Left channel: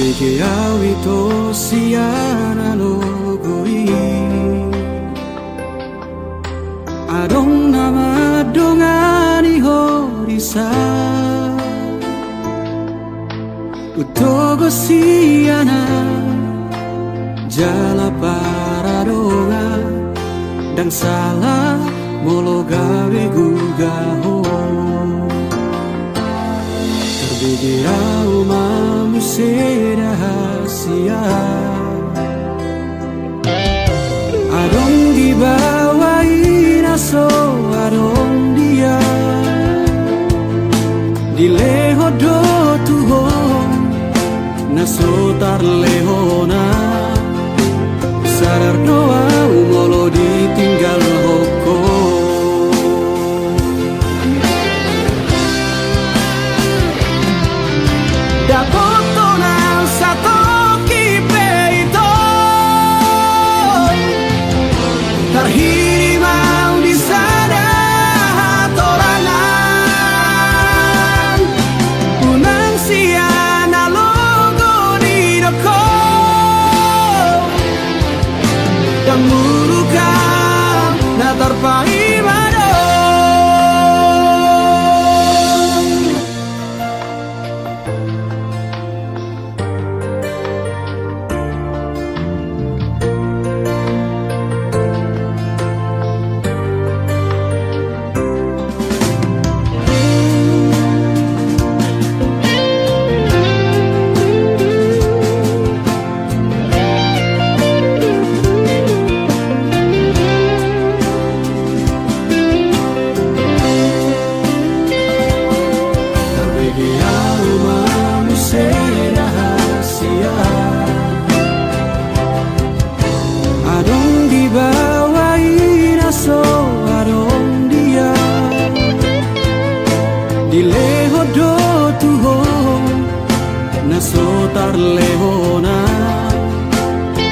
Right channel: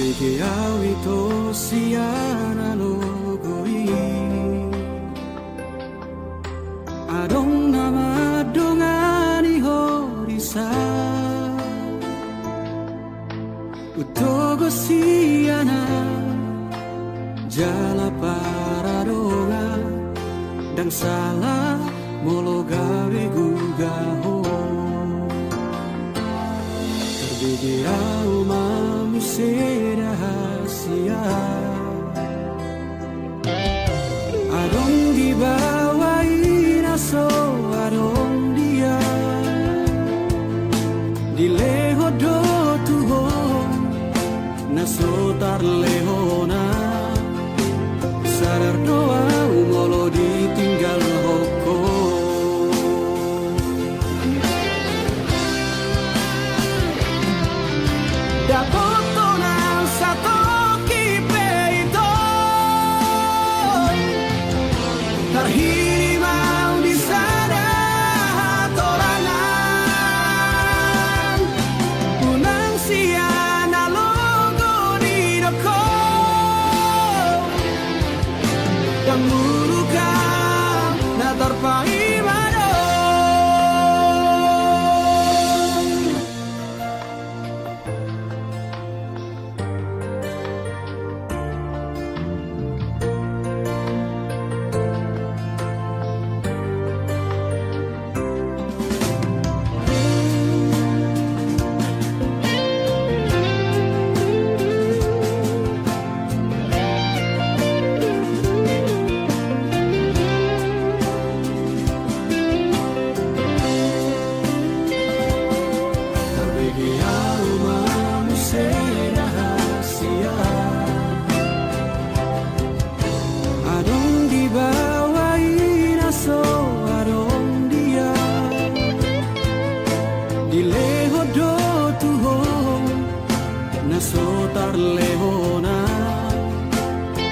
Beke awi to siana no goi Adong nama dongani horisa Utogo siana Jala paradonga Dan salah molo gawe gugaho Terbegirau manusia rahasia Adong dibawain aso adong dia Dileho do tuho Naso tar lehona Sadar doa umolo ditinggal hoko Dapoto na satu kipe ito Terhirimau di sana torangan Unang siana logo di doko Yang murukam na terpaimado Dileho do tuho Nasotar lehona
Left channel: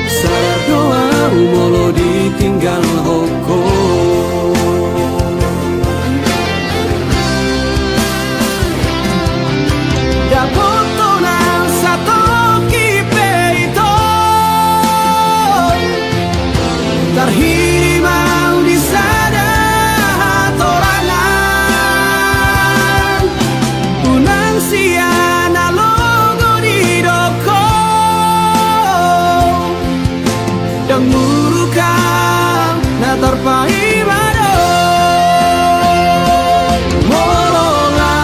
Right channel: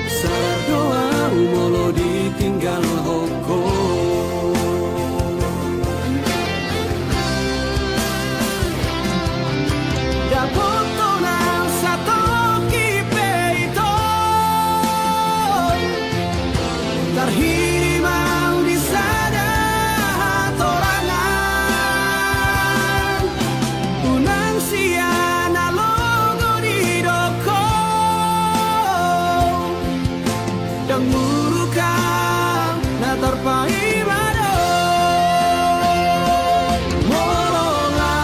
Sadar doa umolo ditinggal hoko Dapoto na satu kipe ito Terhirimau di sana torangan Unang siana logo di doko Dan murukam na terpaimado Molonga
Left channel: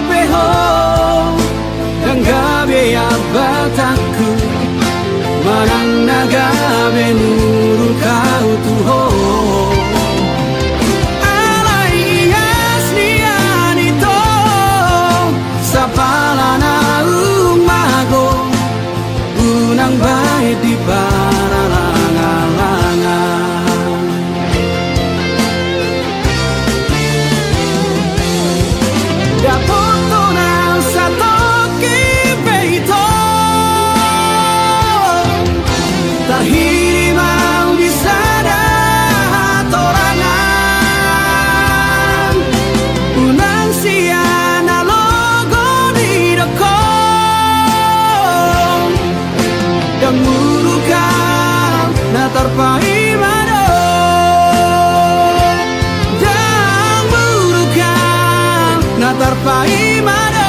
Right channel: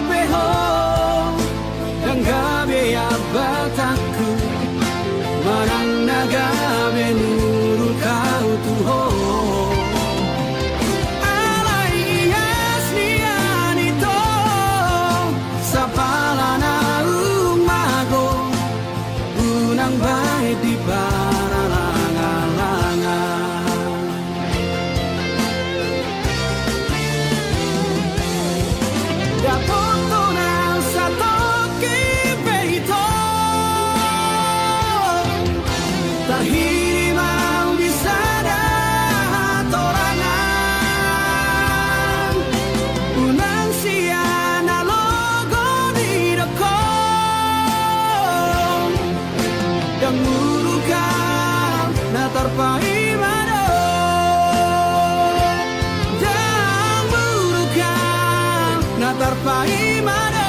opeho Dan gabe abataku Manang nagabe nurukau tuho Unang baik di paralangan-langan Dapoto na satu kipe ito Terhirimau di sana torangan Unang siana logo di doko Dan murukam na terpaimado Dan murukam na terpaimado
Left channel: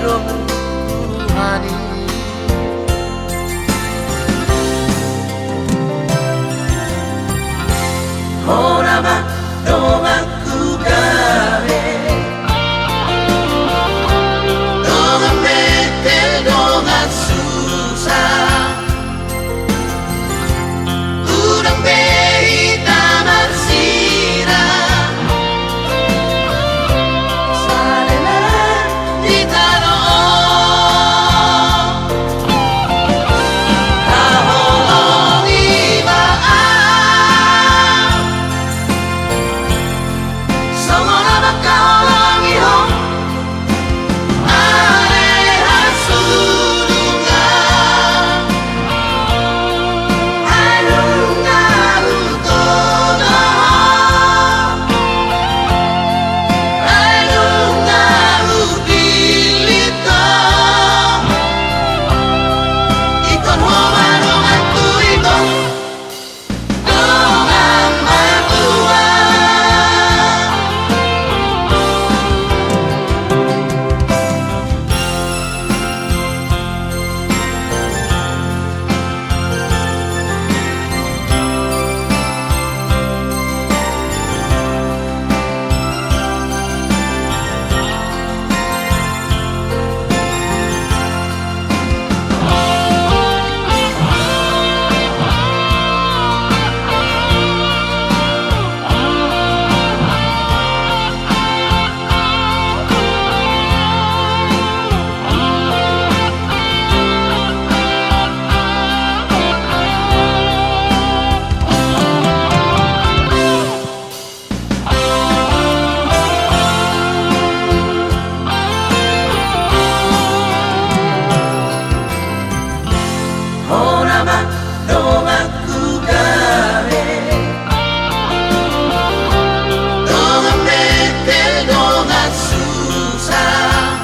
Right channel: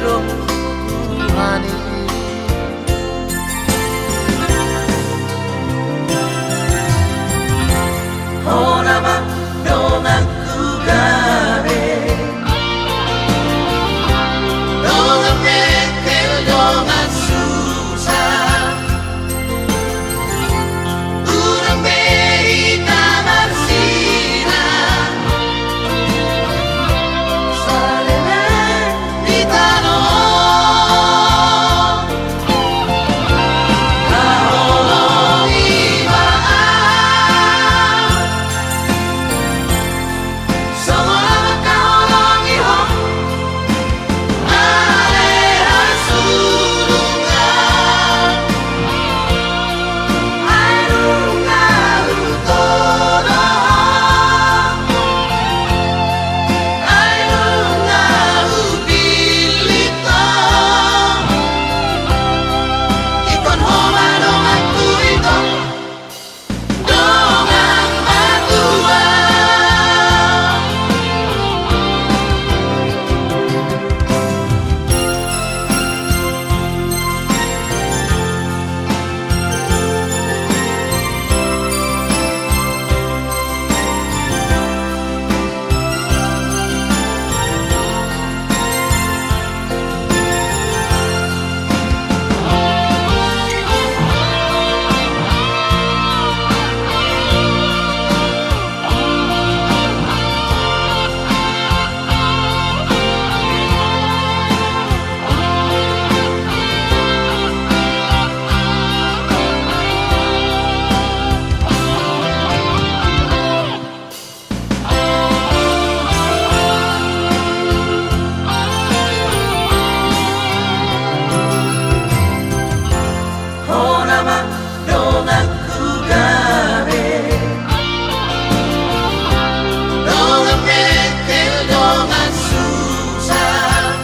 dong Tuhani Honama dong aku gawe Dong metel dong susah Urang behi kamar sira Sadela di tanah Kaholo di baan Sama kaholo ngihong Aleha surungan Arunga utono Arunga ubilito Ikon homa dong aku ito Dong ang matua Honama dong aku gawe Dong metel dong susah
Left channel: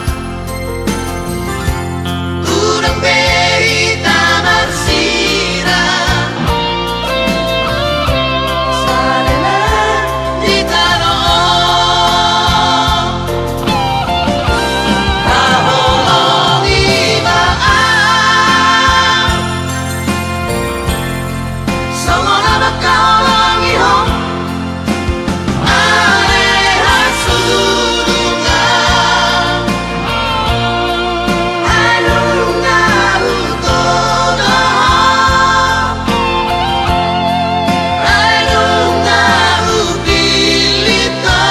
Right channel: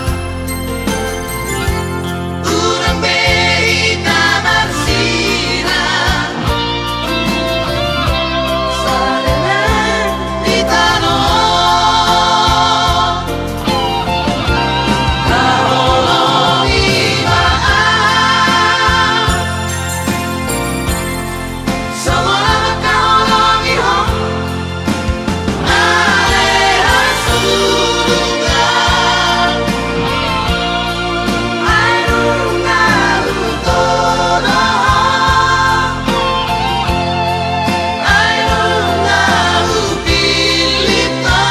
Urang behi kamar sira Sadela di tanah Kaholo di baan Sama kaholo ngihong Aleha surungan Arunga utono Arunga ubilito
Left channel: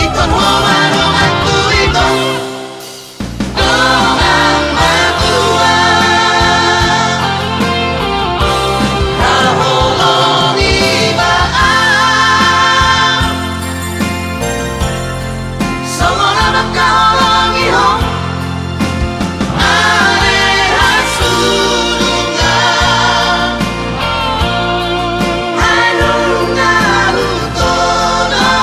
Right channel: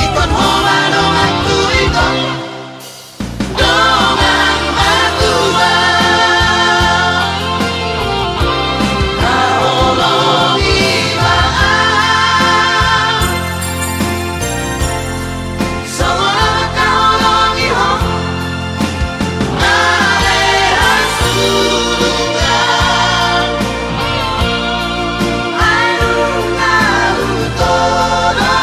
Ikon homa dong aku ito Dong ang matua Kaholo di baan Sama kaholo ngihong Aleha surungan Arunga utono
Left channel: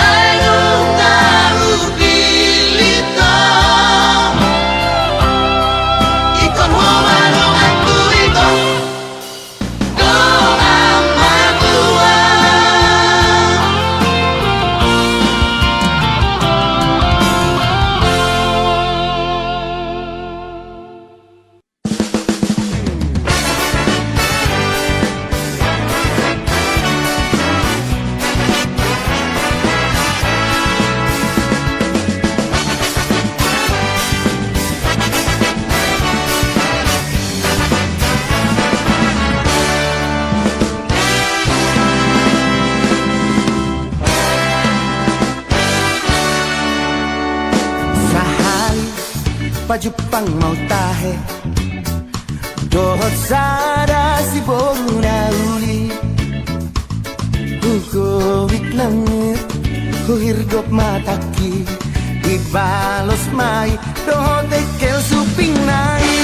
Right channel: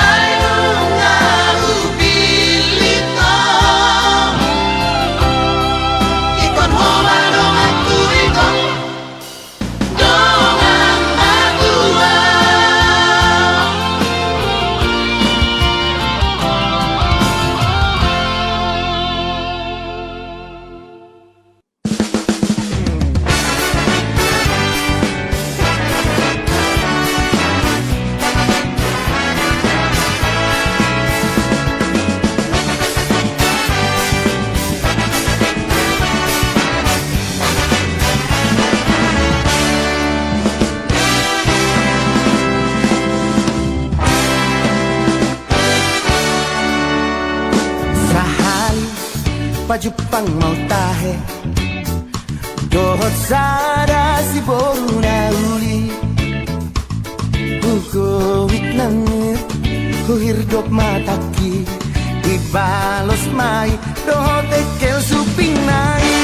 Arunga ubilito Ikon homa dong aku ito Dong ang matua Sahari pajupang mau tahe Dohot sada si boru na uli Hugowit nangit Huhirdop mataki Ibalos mai Dohot ekel suping nai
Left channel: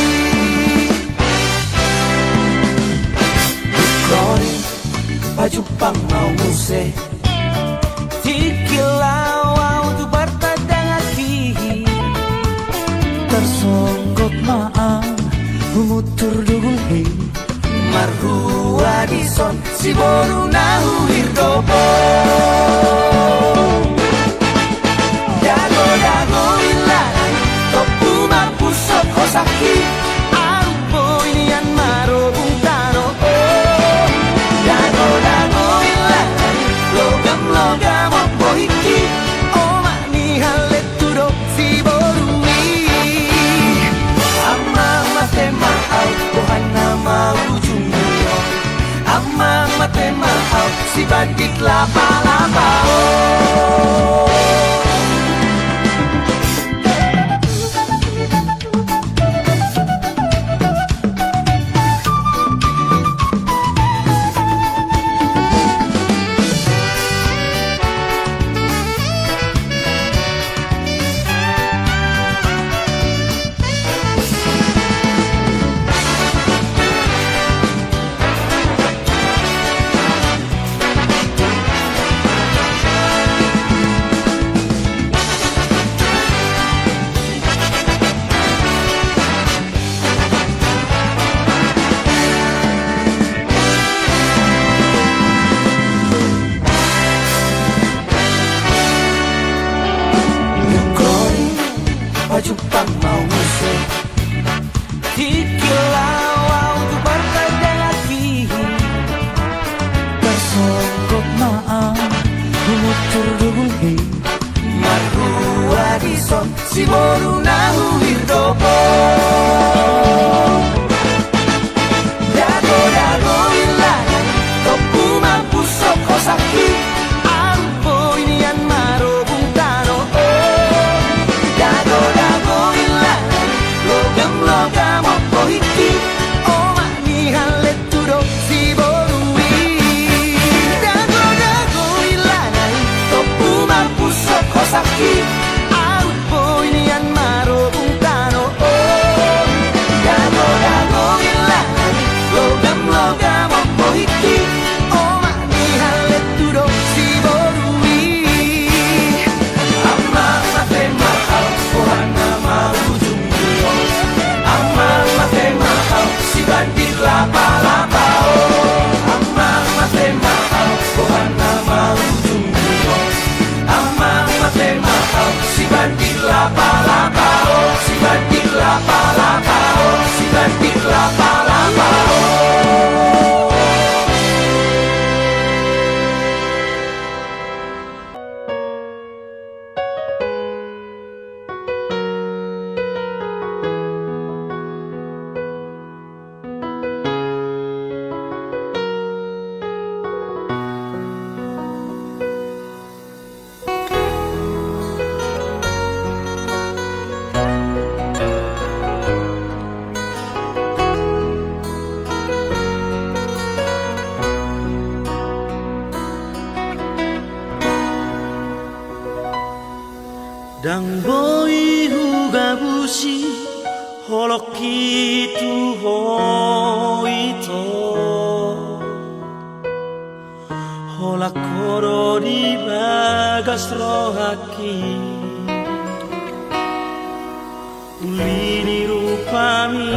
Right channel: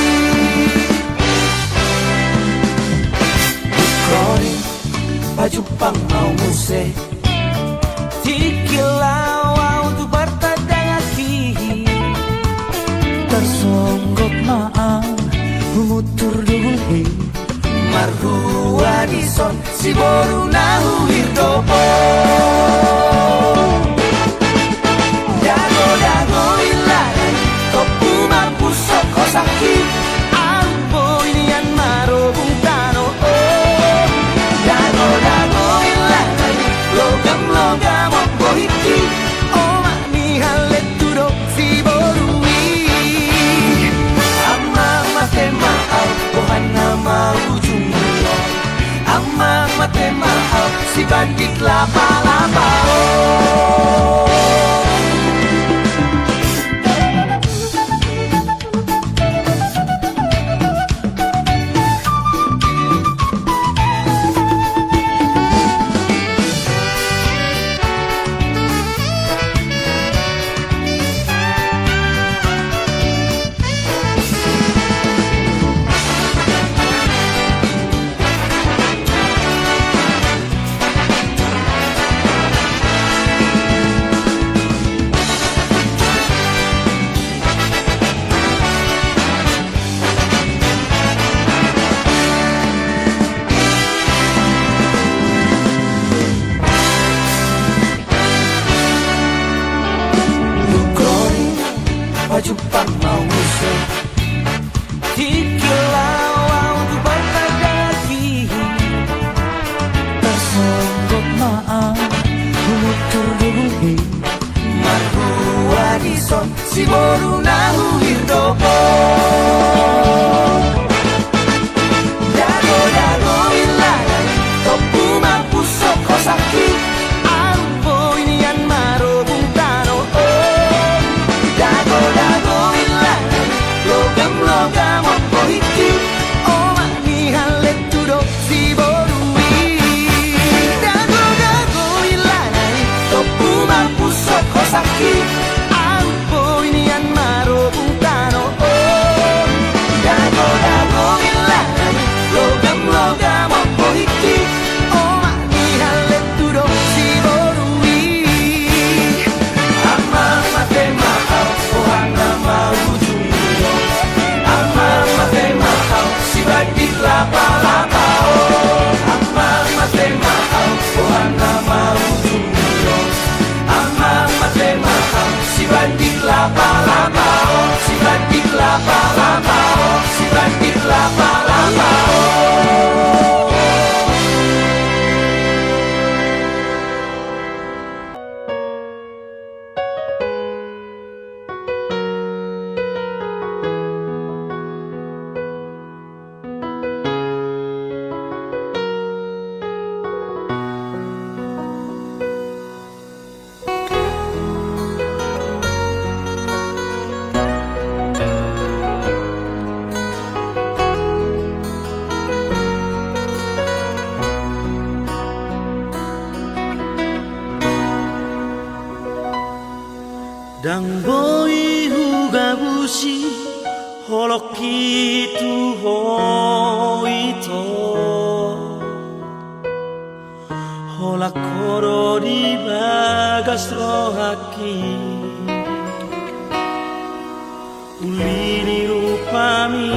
Kroni pajupang mau muse Tikilaw tu bertadang aki Tersonggok maang Humutur dugul hei Marhua dison Si boru nahu hirdopo bandik lapa-lapa oh. Jumpa mau musuh Tikilau tu berdaki Tersonggok maaf Umutur duluhi Marhua dison Si boru nahu hirdopo Dago-dago ilangan Topu mampu soko sakit Ambo inian marobung tano oh Dago-dago ilangan Logam-logam opo hiki Oma ni halet tudo si borui Dago-dago ilangan Topu mampu soko sakit Ambo inian marobung tano oh Dago-dago ilangan Logam-logam opo hiki Oma ni halet tudo si borui Amal mate mahal Ohana mau jumbo Amal mate mahal Si bandik lapa-lapa oh Amal mate mahal Ohana mau jumbo Amal mate mahal Si bandik lapa-lapa oh Si bandik lapa-lapa oh Si bandik lapa-lapa oh Dang boy hugabushi holoki tu hoito hola koro di bagas rohaki ulini rupami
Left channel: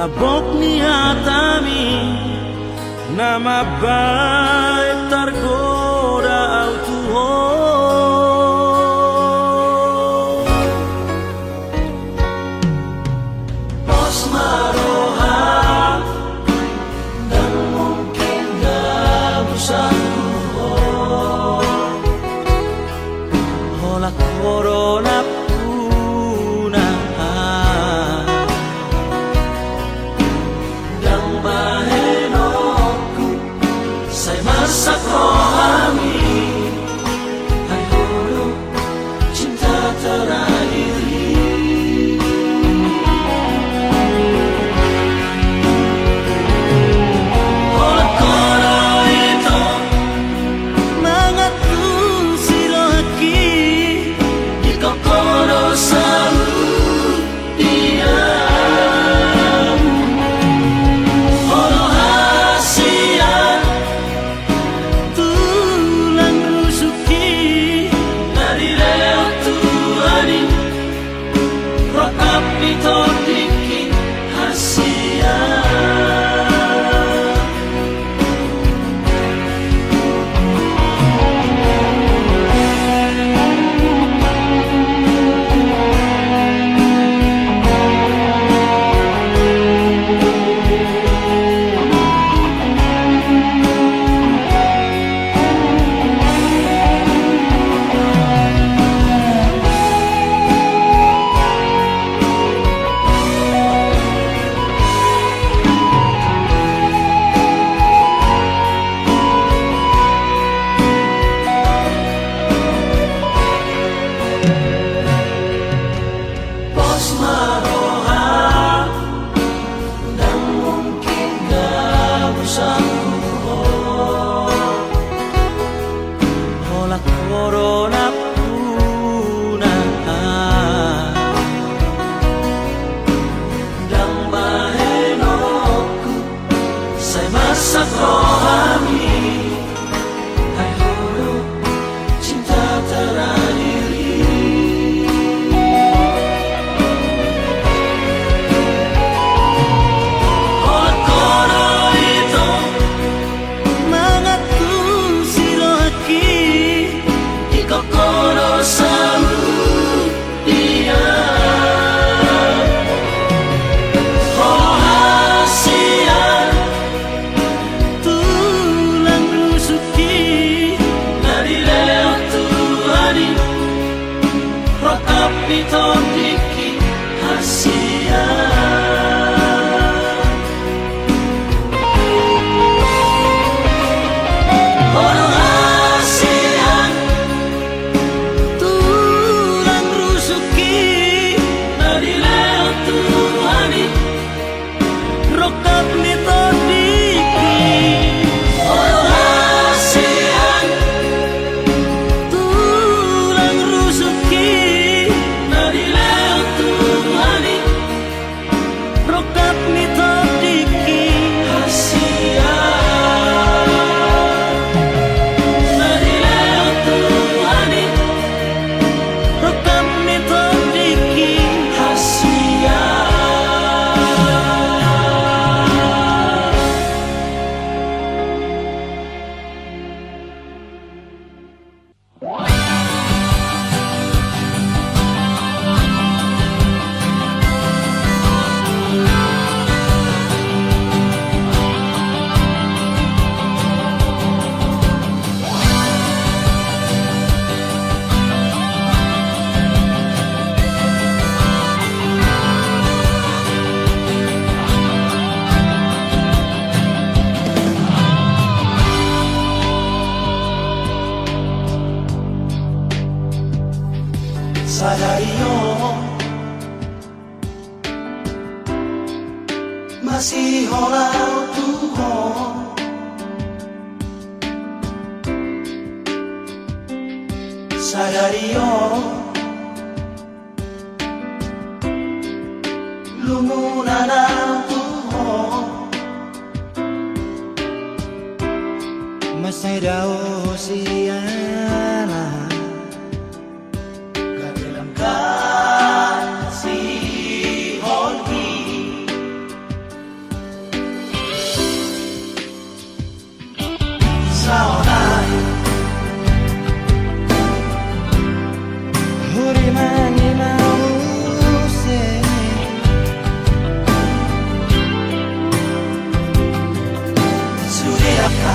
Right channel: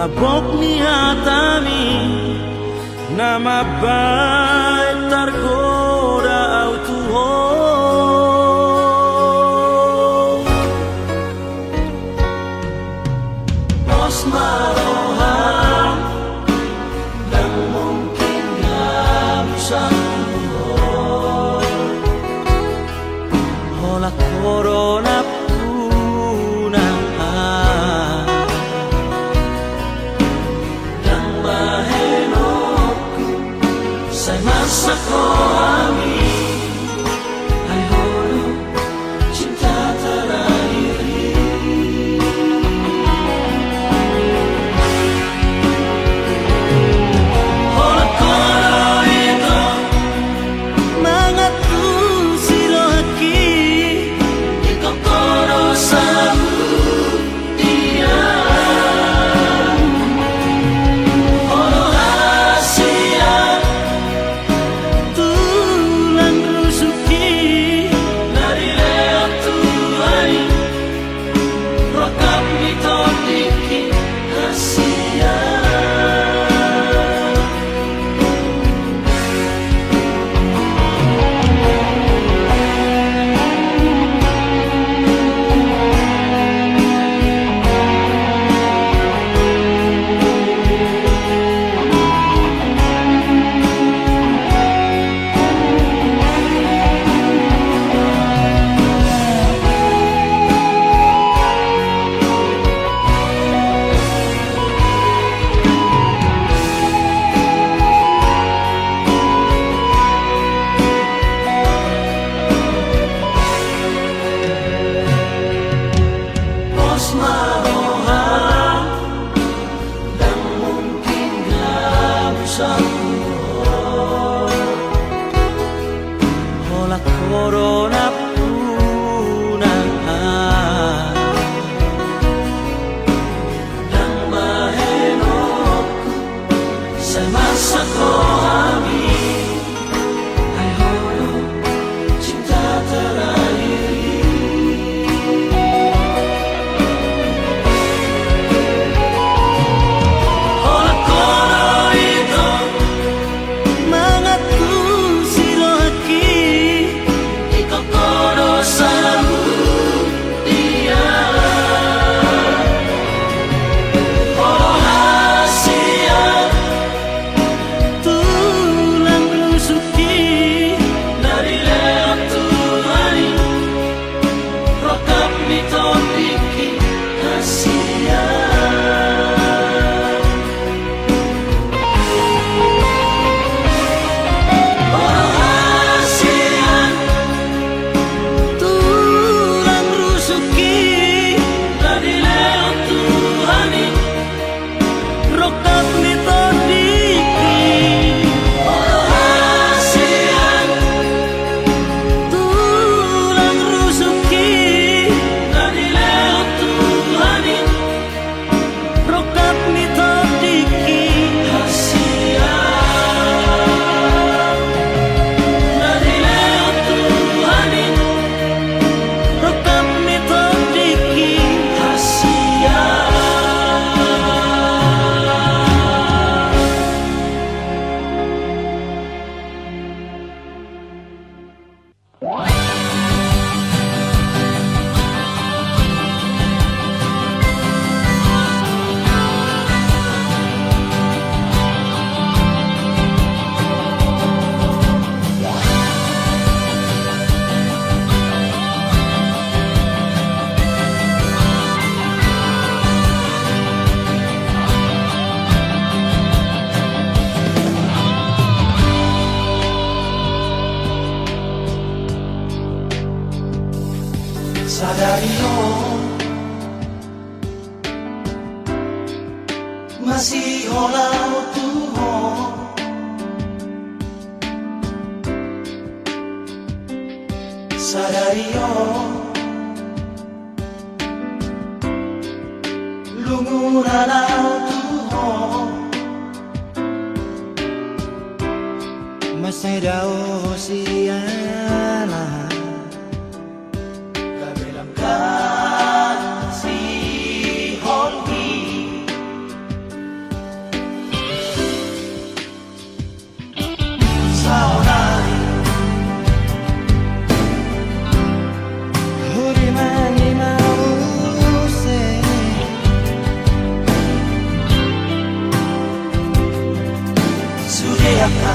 labok ni hatami nama baik tergoda autuho Corona puna Dang mahenoku Say masako ami Hai holo cinta terakhiri Kolo-kolo itu Mangatu sirohaki Kau corona punahan Nang mahenokku sa masa ko amin Ay holo cinta terakhir Orang-orang itu mengaku siloaki Di kokoro sambut dia Oh hasian tulang rusuki Dari lewat Tuhani Rokap miton bikin hasian Orang hasian tulang rusuki Dari lewat Tuhani Rokap miton bikin Orang hasian tulang rusuki Dari lewat Tuhani Rokap miton bikin hasian Dari lewat Tuhani Rokap miton bikin hasian Sadari yo masih olau Tuhan Sadari yo lumuran au Tuhan Masih daw siana Dalam kalan si Holgi Saunay Huri mangi mause Suriaka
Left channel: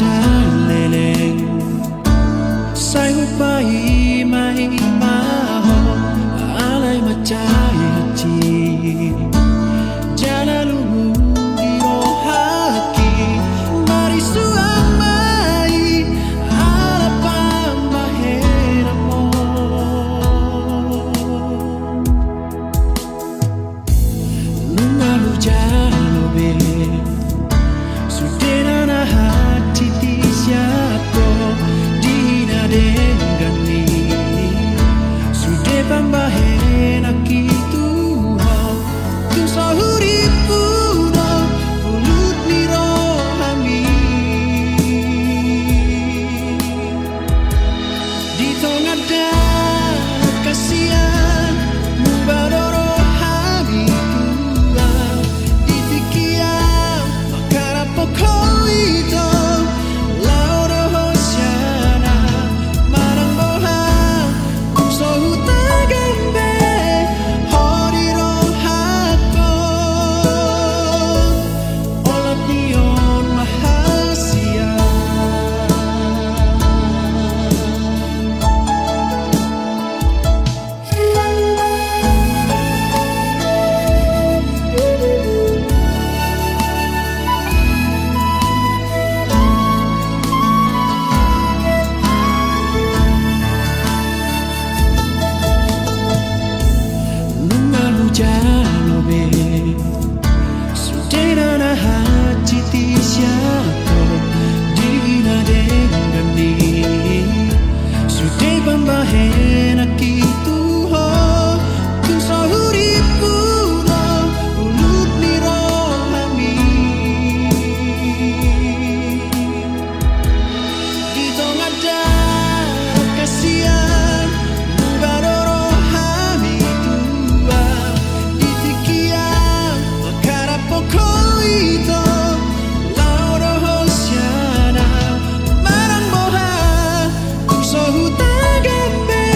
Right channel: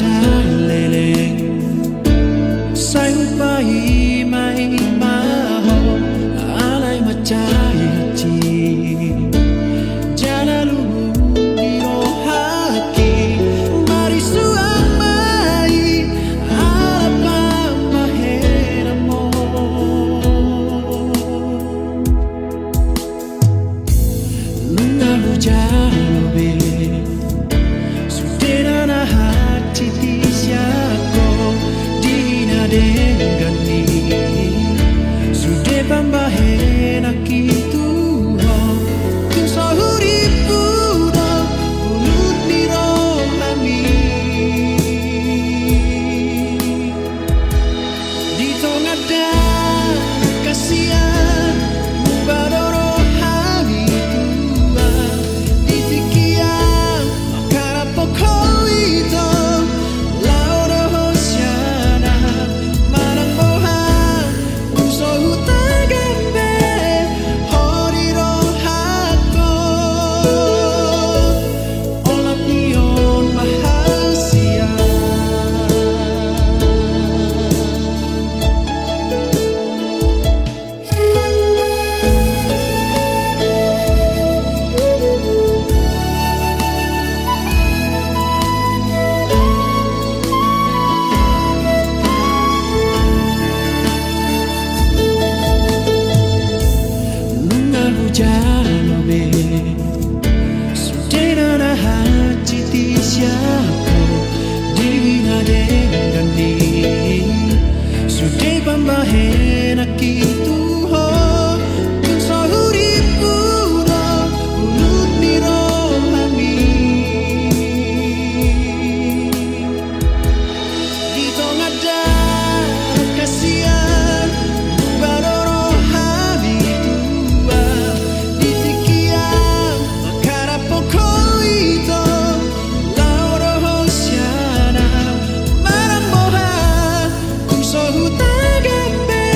trái lê lênh say hút bay mây má hồ alay mà trái hati jalan lugu di rohaki mari suamai alapa mahera mo nunga hujalobe Suderana hati siako dina dengan ni Sude pambahena kitu ho Tung sahuri puno Pulut ni rohami Di tengah dan kasihan Mubadoro hami tua Di fikian makara pokoito Lauro hosiana Marang boha Uso hutagambe Hori rohako Olap nion mahasian Nunga hujalobe Suderana hati siako dina dengan ni Sude pambahena kitu ho Tung sahuri puno Pulut ni rohami Di tengah darah kasihan Mubadoro hami tua Di tikian makara pokoito Lauro hosiana Marang boha Uso hutagambe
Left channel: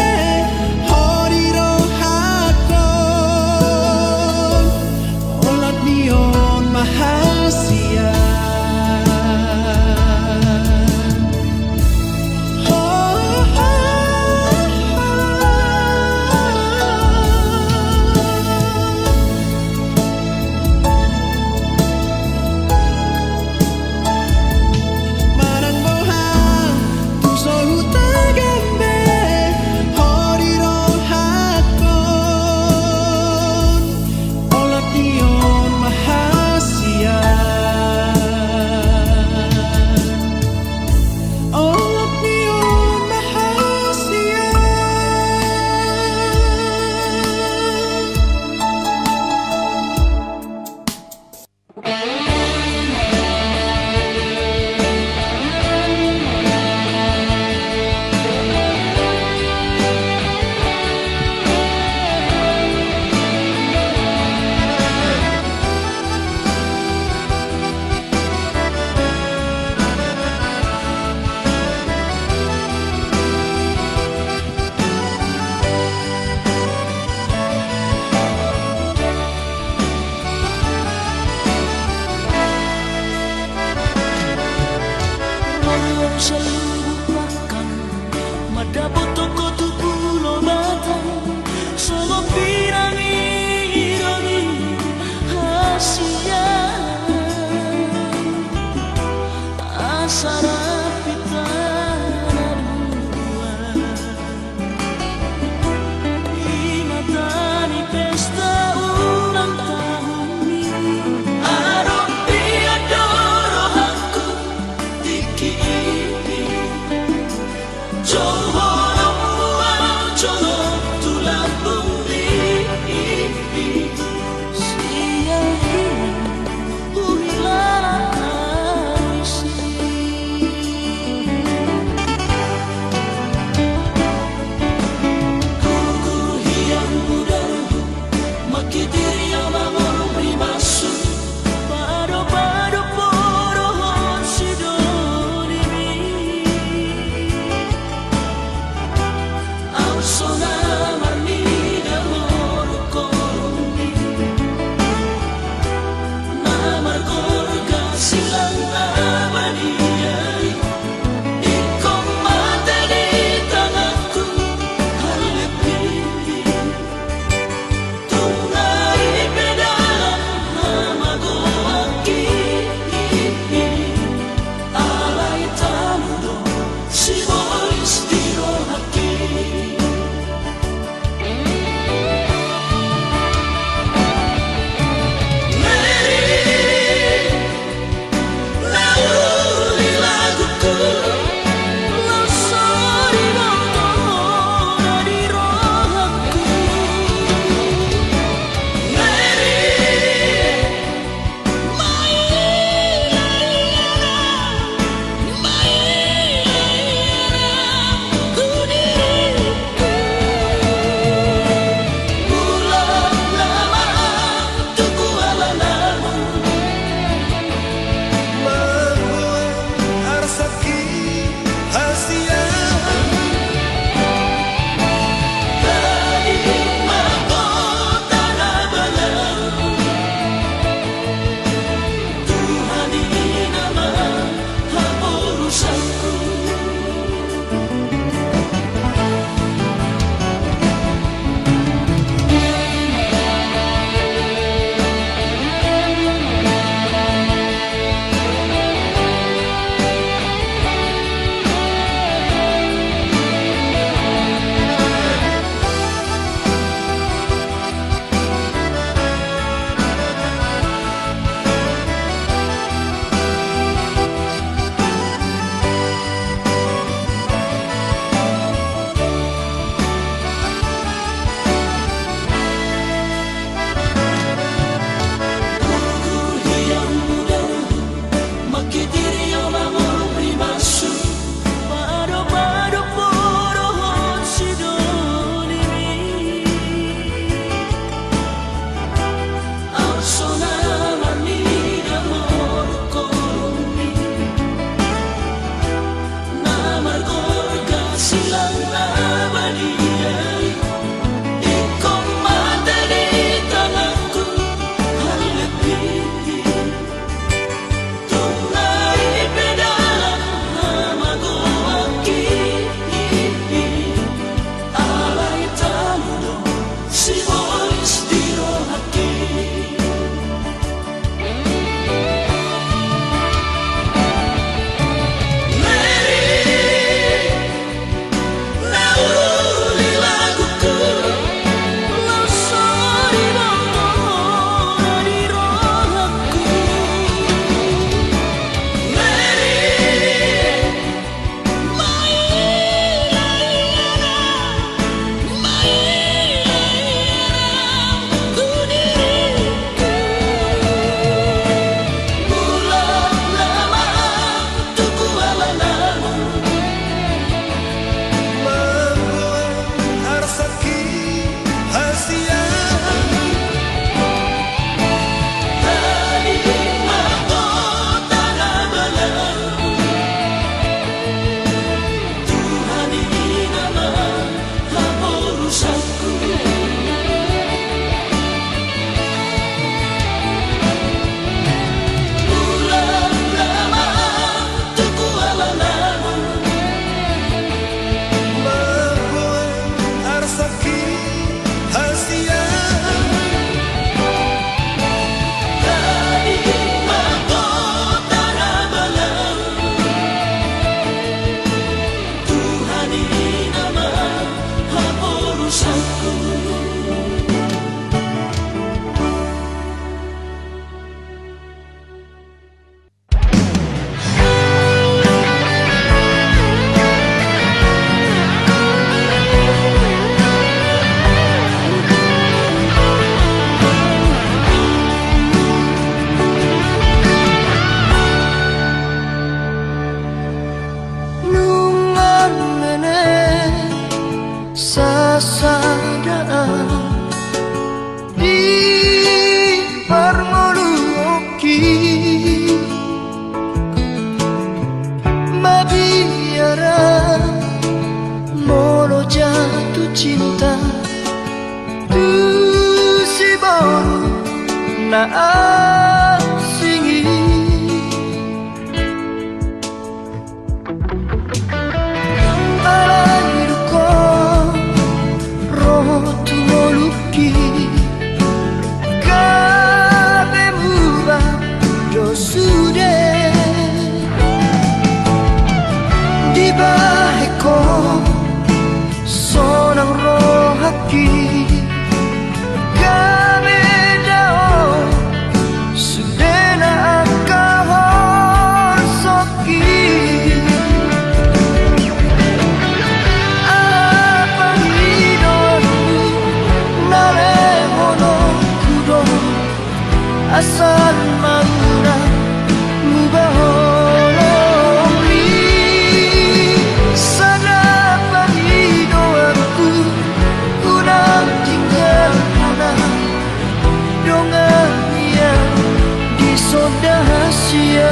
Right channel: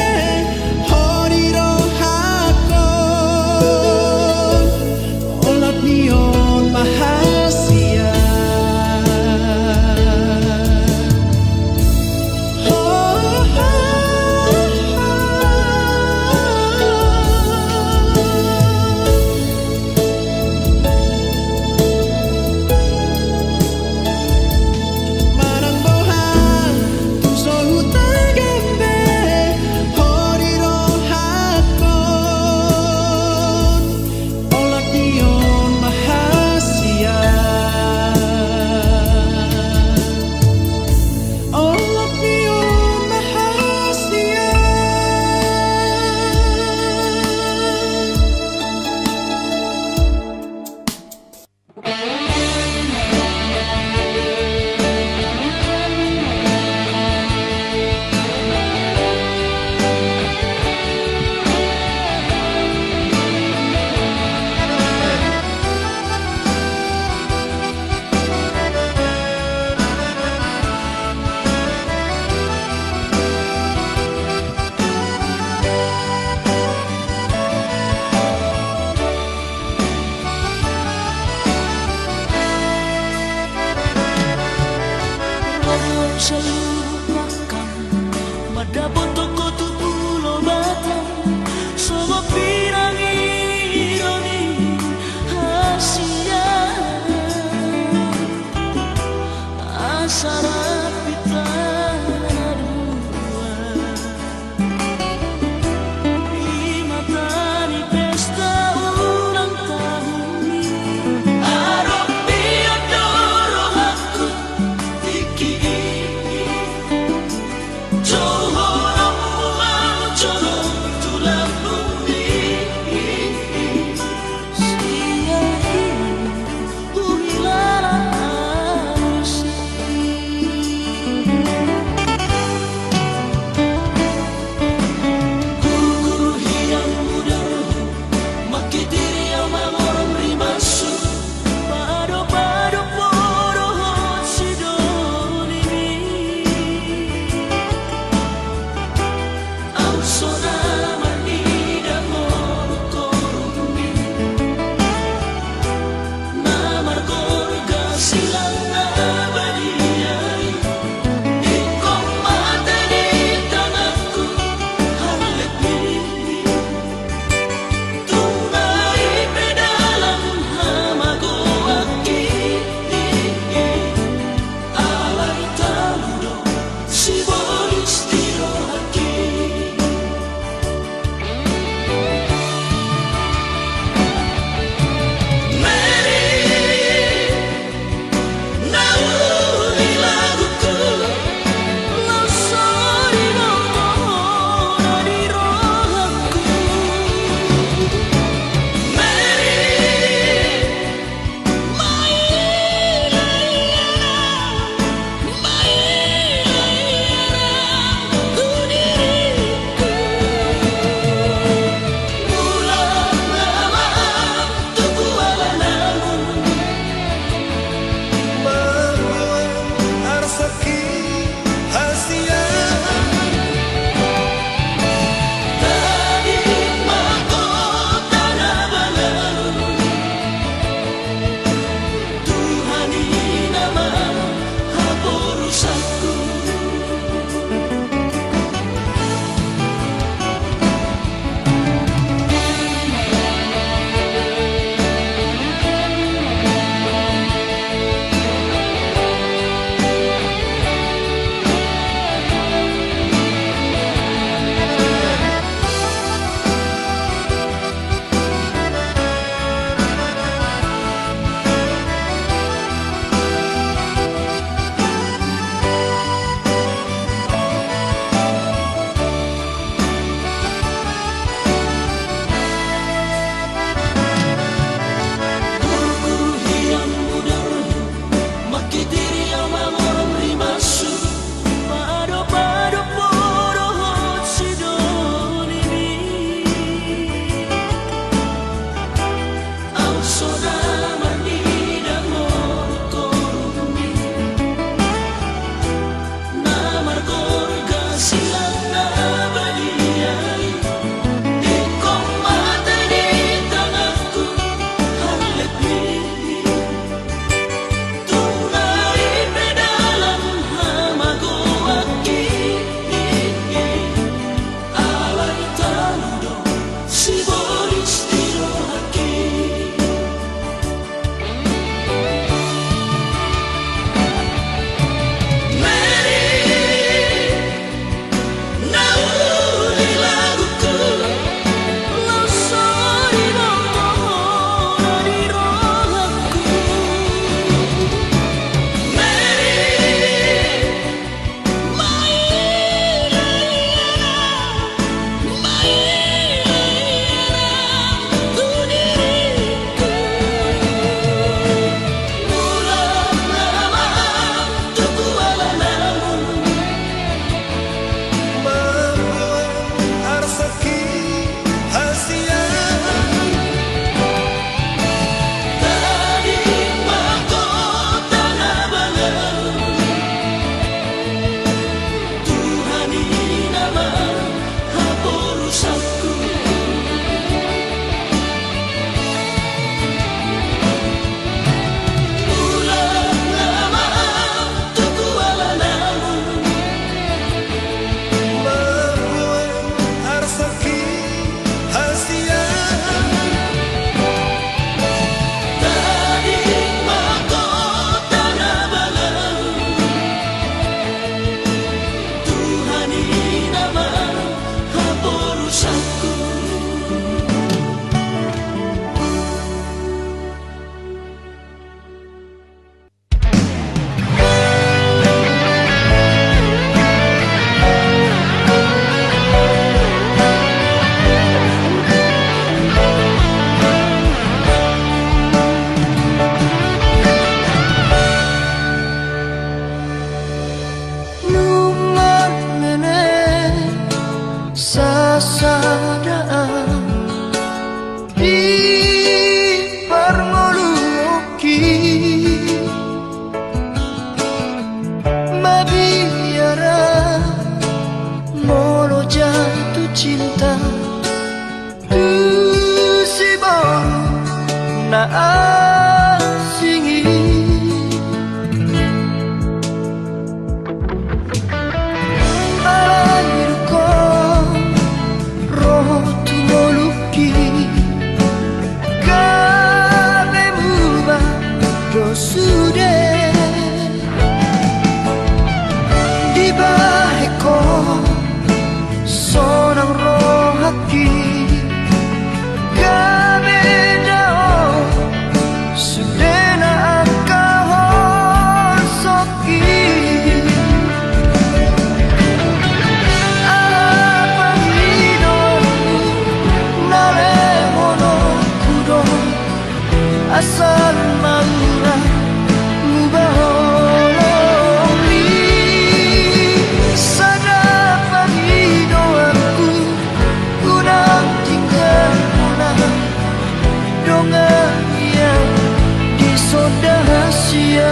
Hori rohako Olat nion mahasian Marang boha Tuso hutagambe Hori rohako Olat nion mahasian Olat nion mahasian Orang seluruh makan Madabot toko tu pulau batang Sogo pirang ironi Asia Asara pitana dua Imatani pesta ulang tahun ini Aropi adoro aku Tiki Johoro Johoro tulang bumi Sia hilala alusi pasadaan di Parmoluoki Mabiara molo jatuh cinta tu si baru na asingi alairuko roho tu moluki gabe muba dosude di baheko sonang rohaki gabe dao sudena akahon soki apa hidonu nare hono kudo asal mauna mubahololi sana pagido aku unang tinggal mona dongan yang disodahasia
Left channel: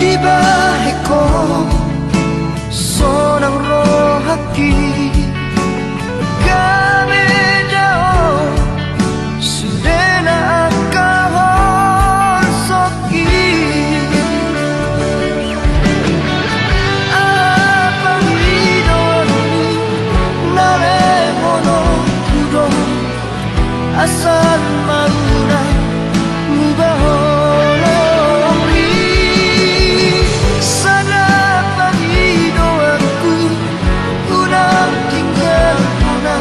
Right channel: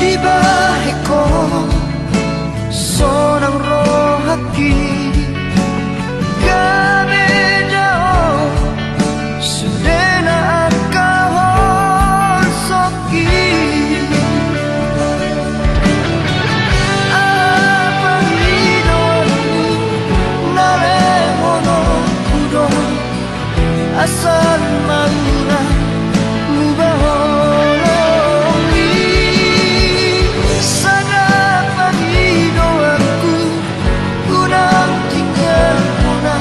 di baheko sonang rohaki gabe dao sudena akahon soki apa hidonu nare hono kudo asal mauna mubahololi sana pagido aku unang tinggal mona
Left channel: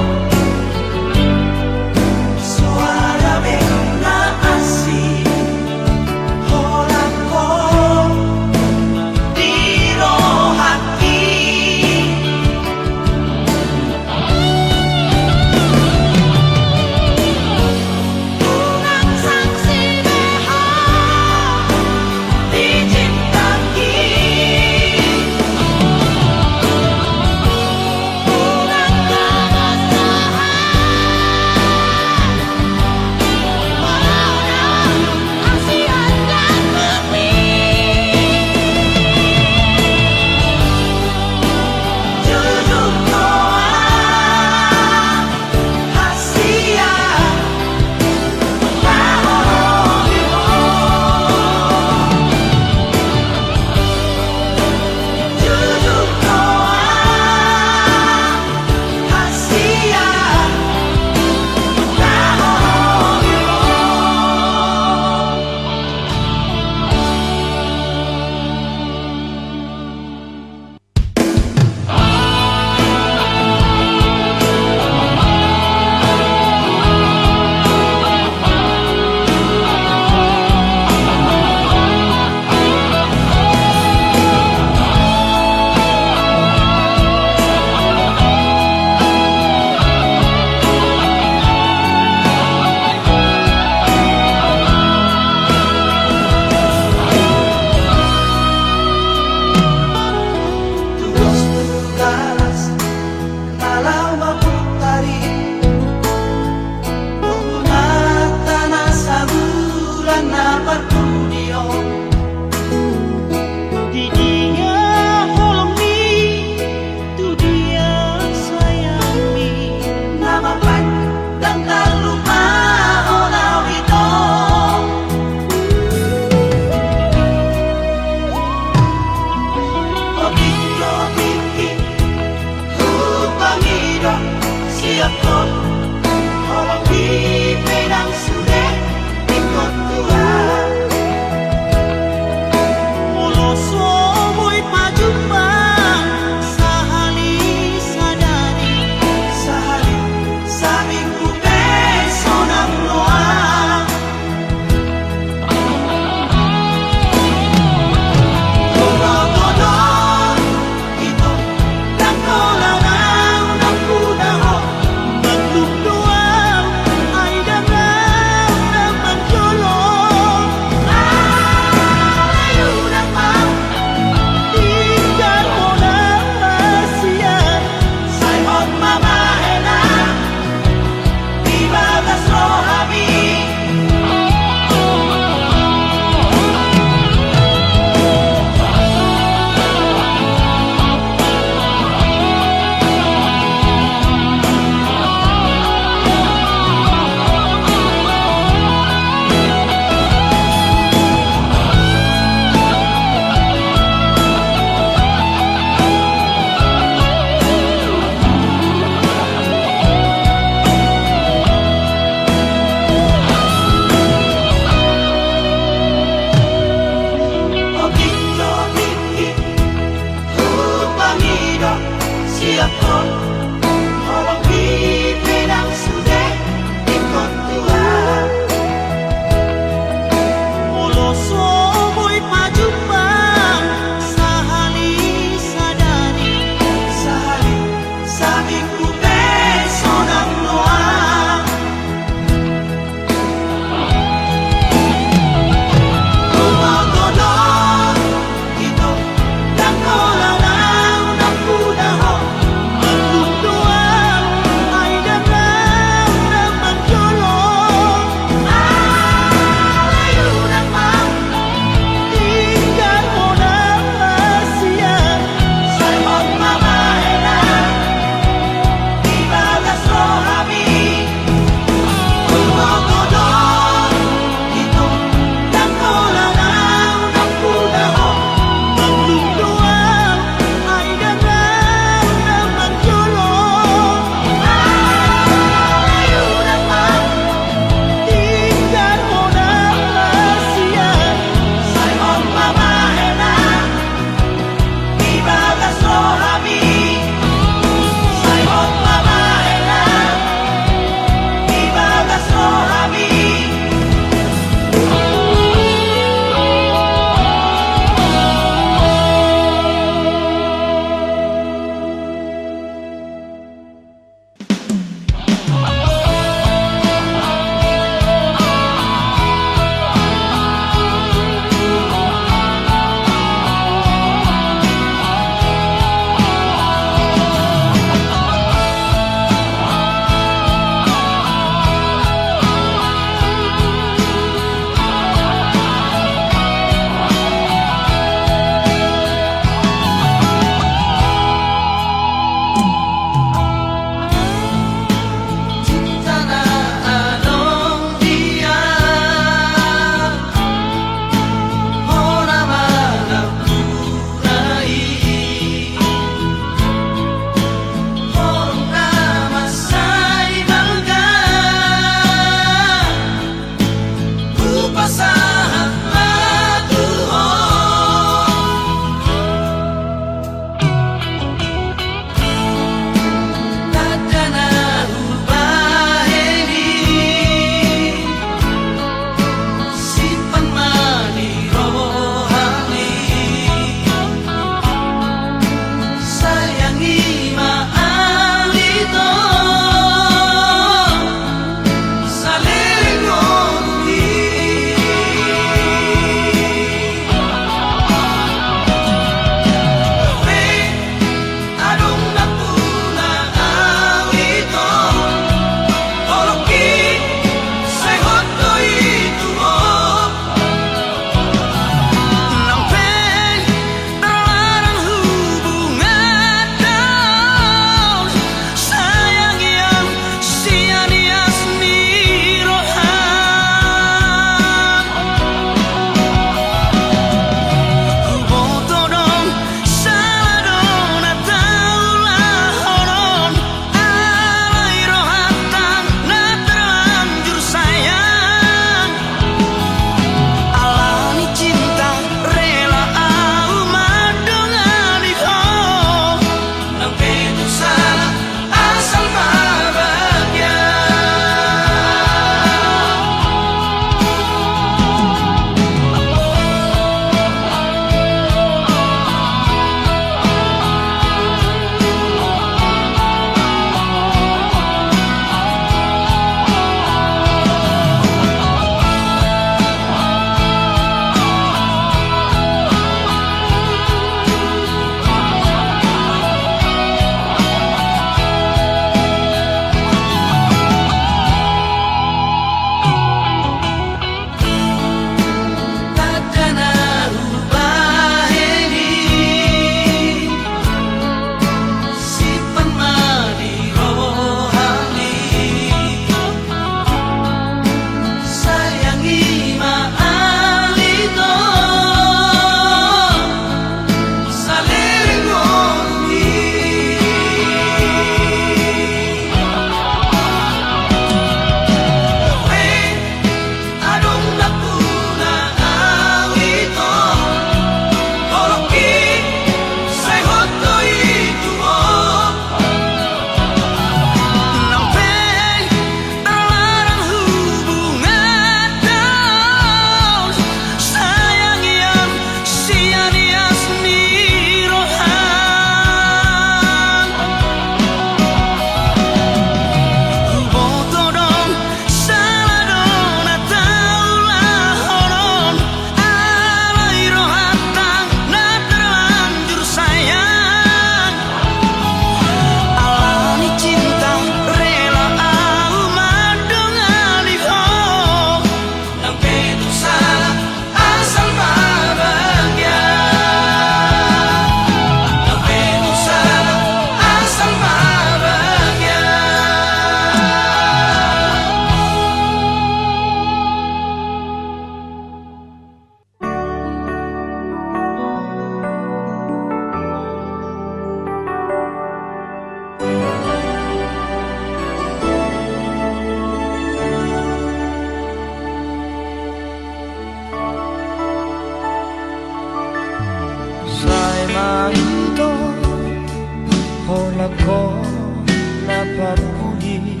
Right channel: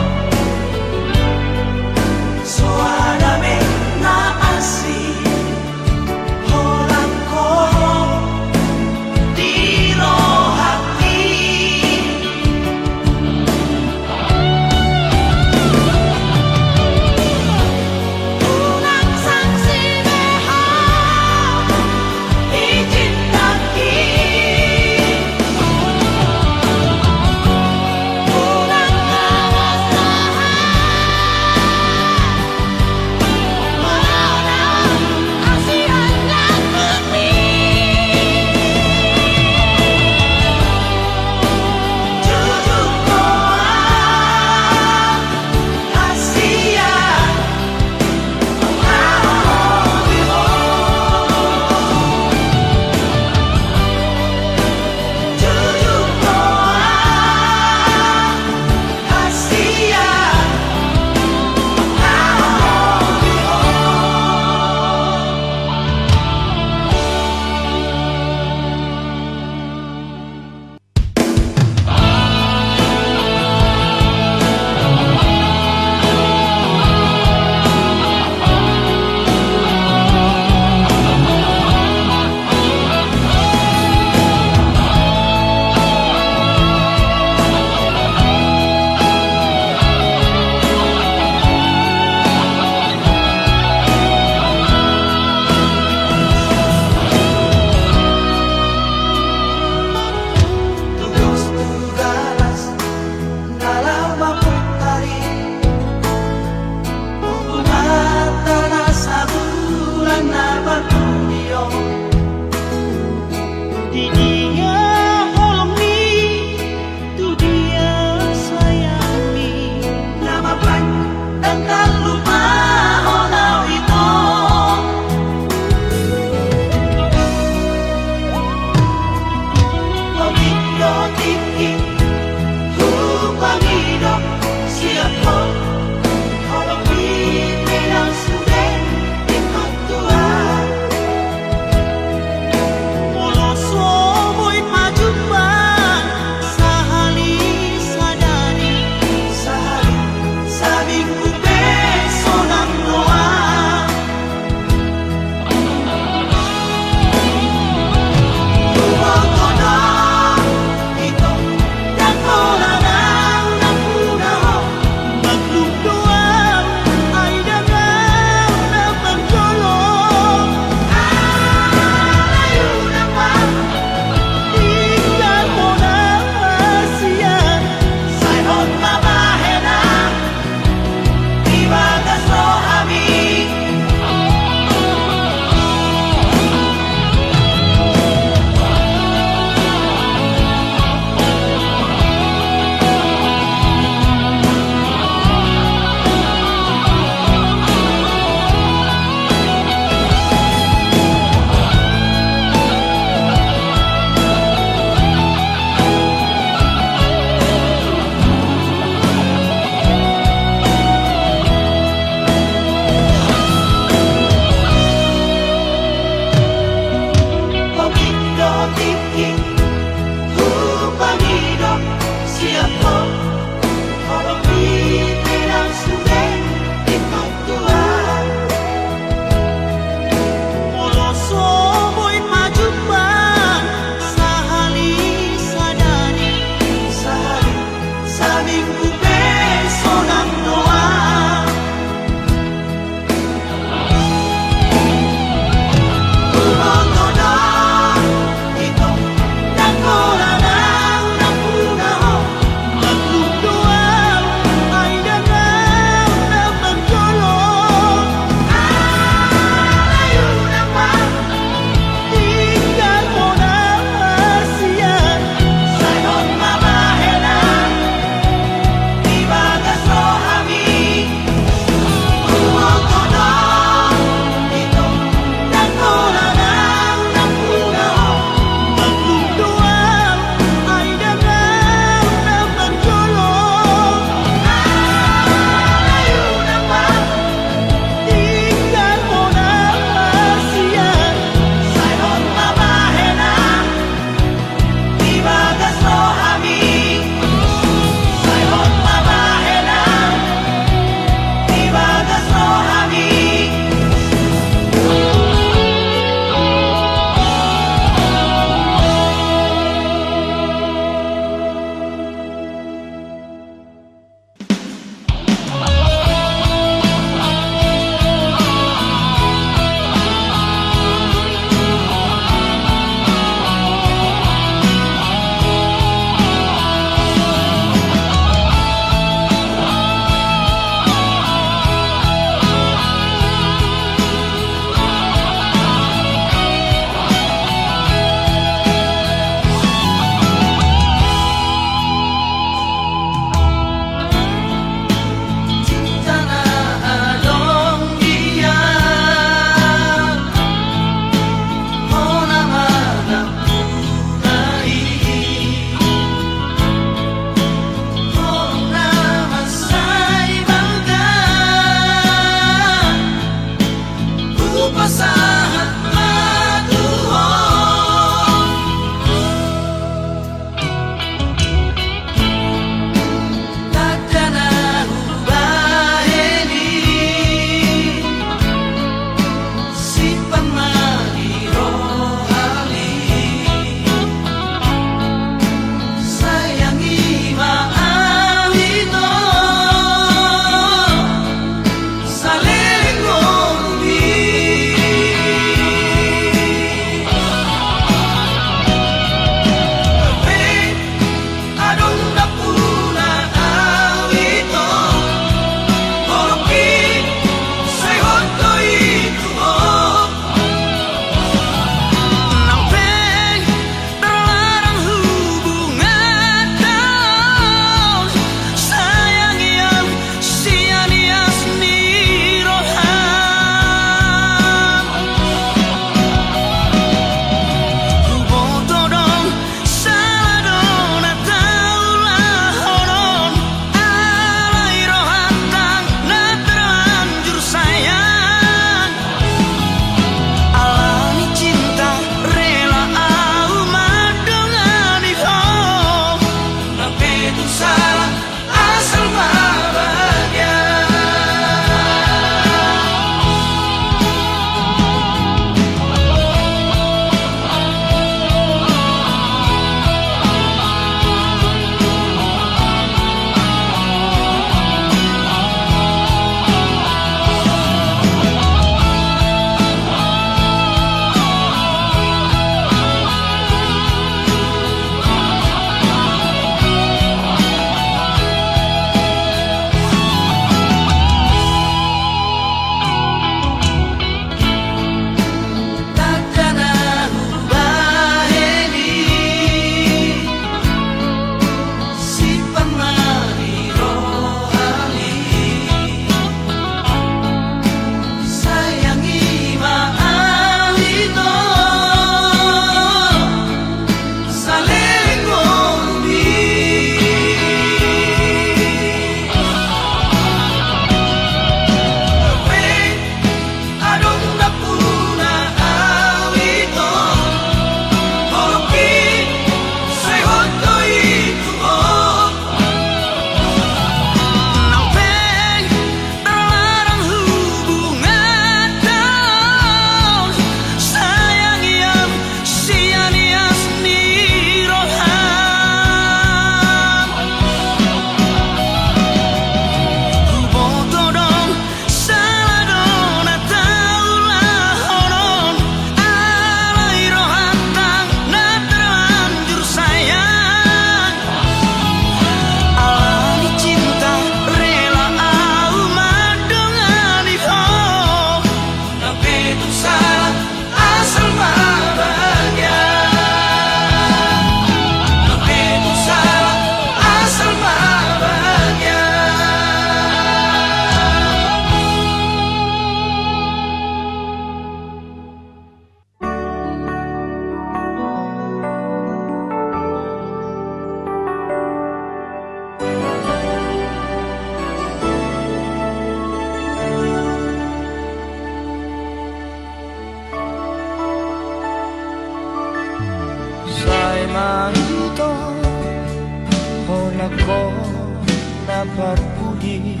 hati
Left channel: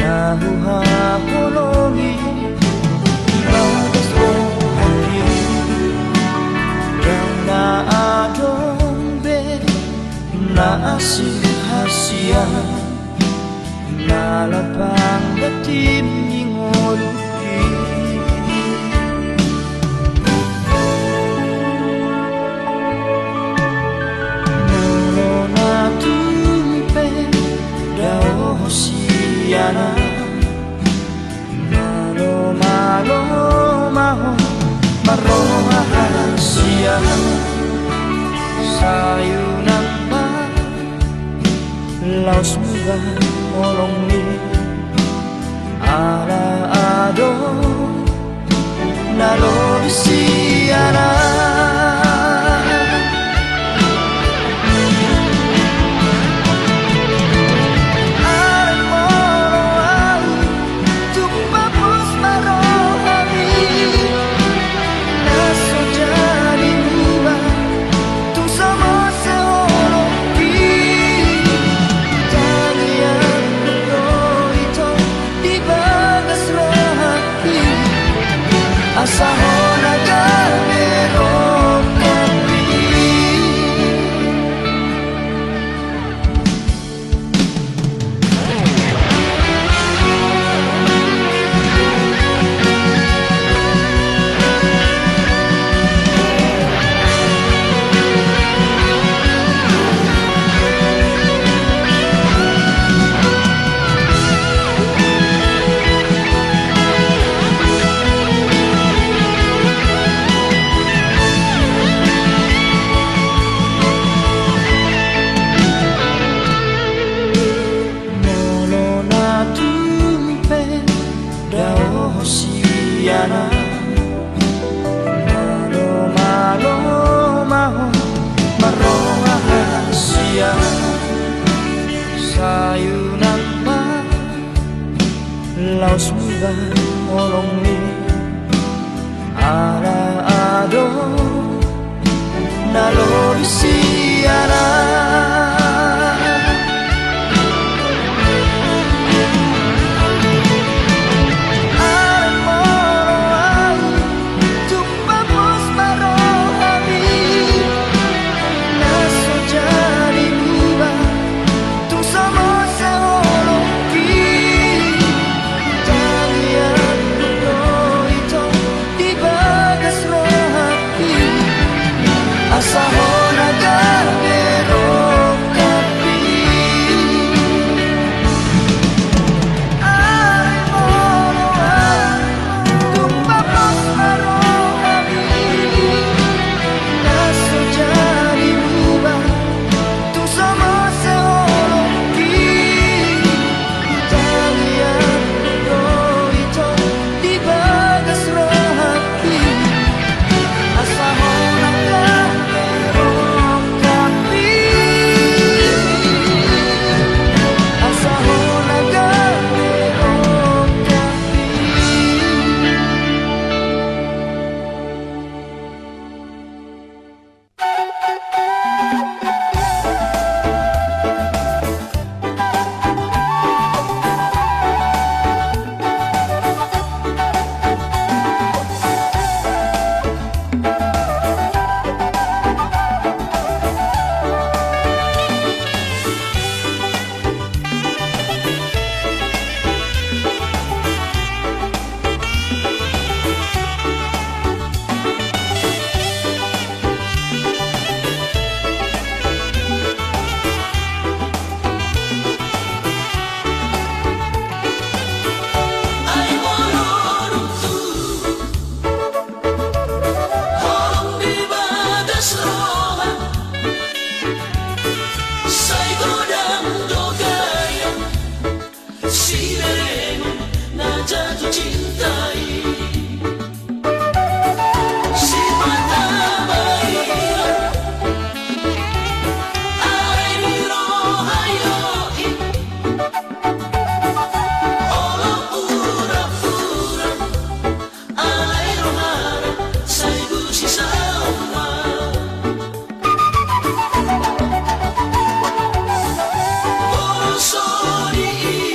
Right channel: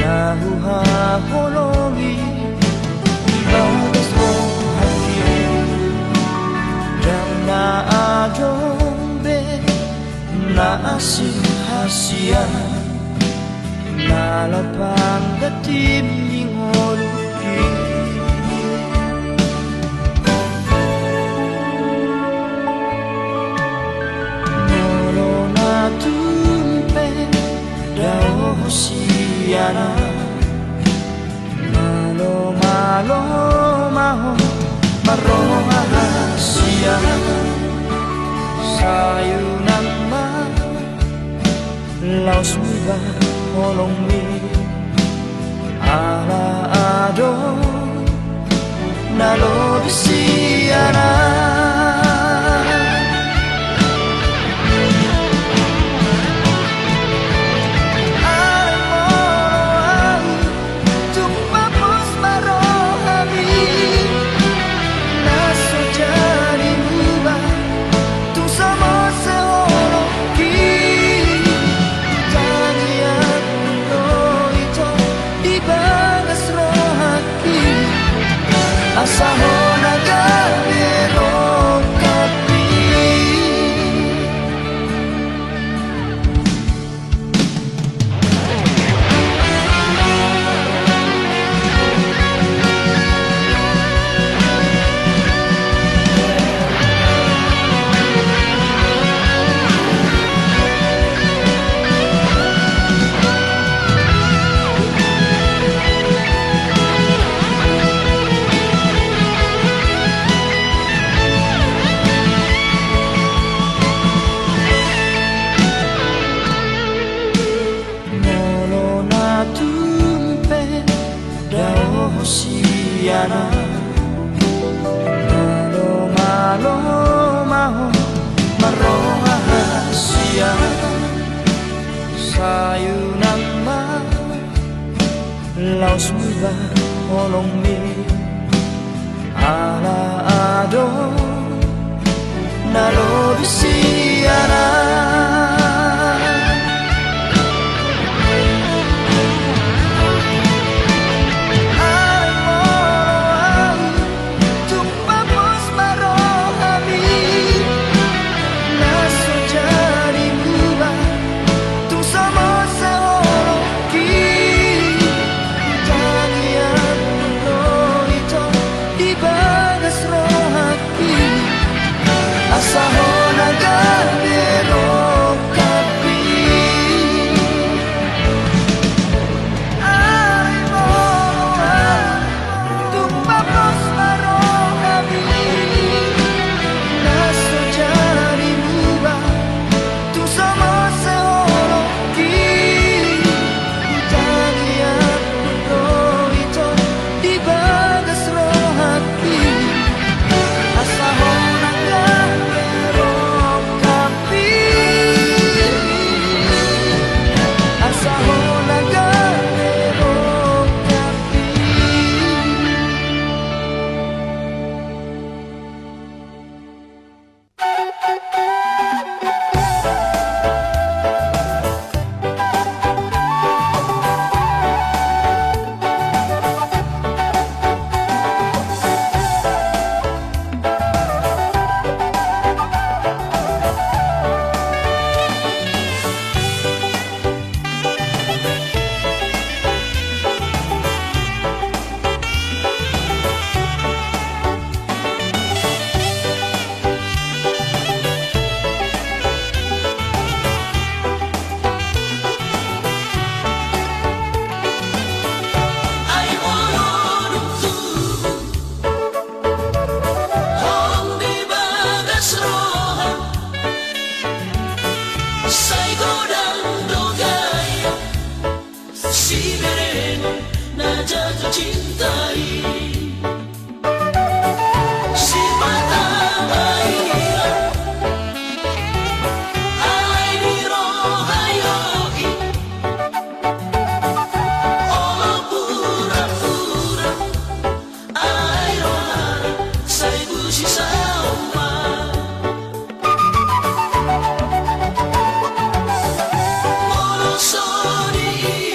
nahuhahologi ibadas rohaki dan naadombe naasih hasian nalapang datim ningoluki nolo natumpe dao hosiana malo malo maho maroha hasia sayunan ma laos muba olong mi ala ado nalo bisiana asahona gabero kapi hosiana malo malo maho maroha hasia sayunan ma laos muba olong mi ala ado nalo bisiana asahona gabero kapi ay molo tumpapos marohami naso jadi muba tu sama seoloki tangian ito di bagas rohaki asahona gabero Sorry.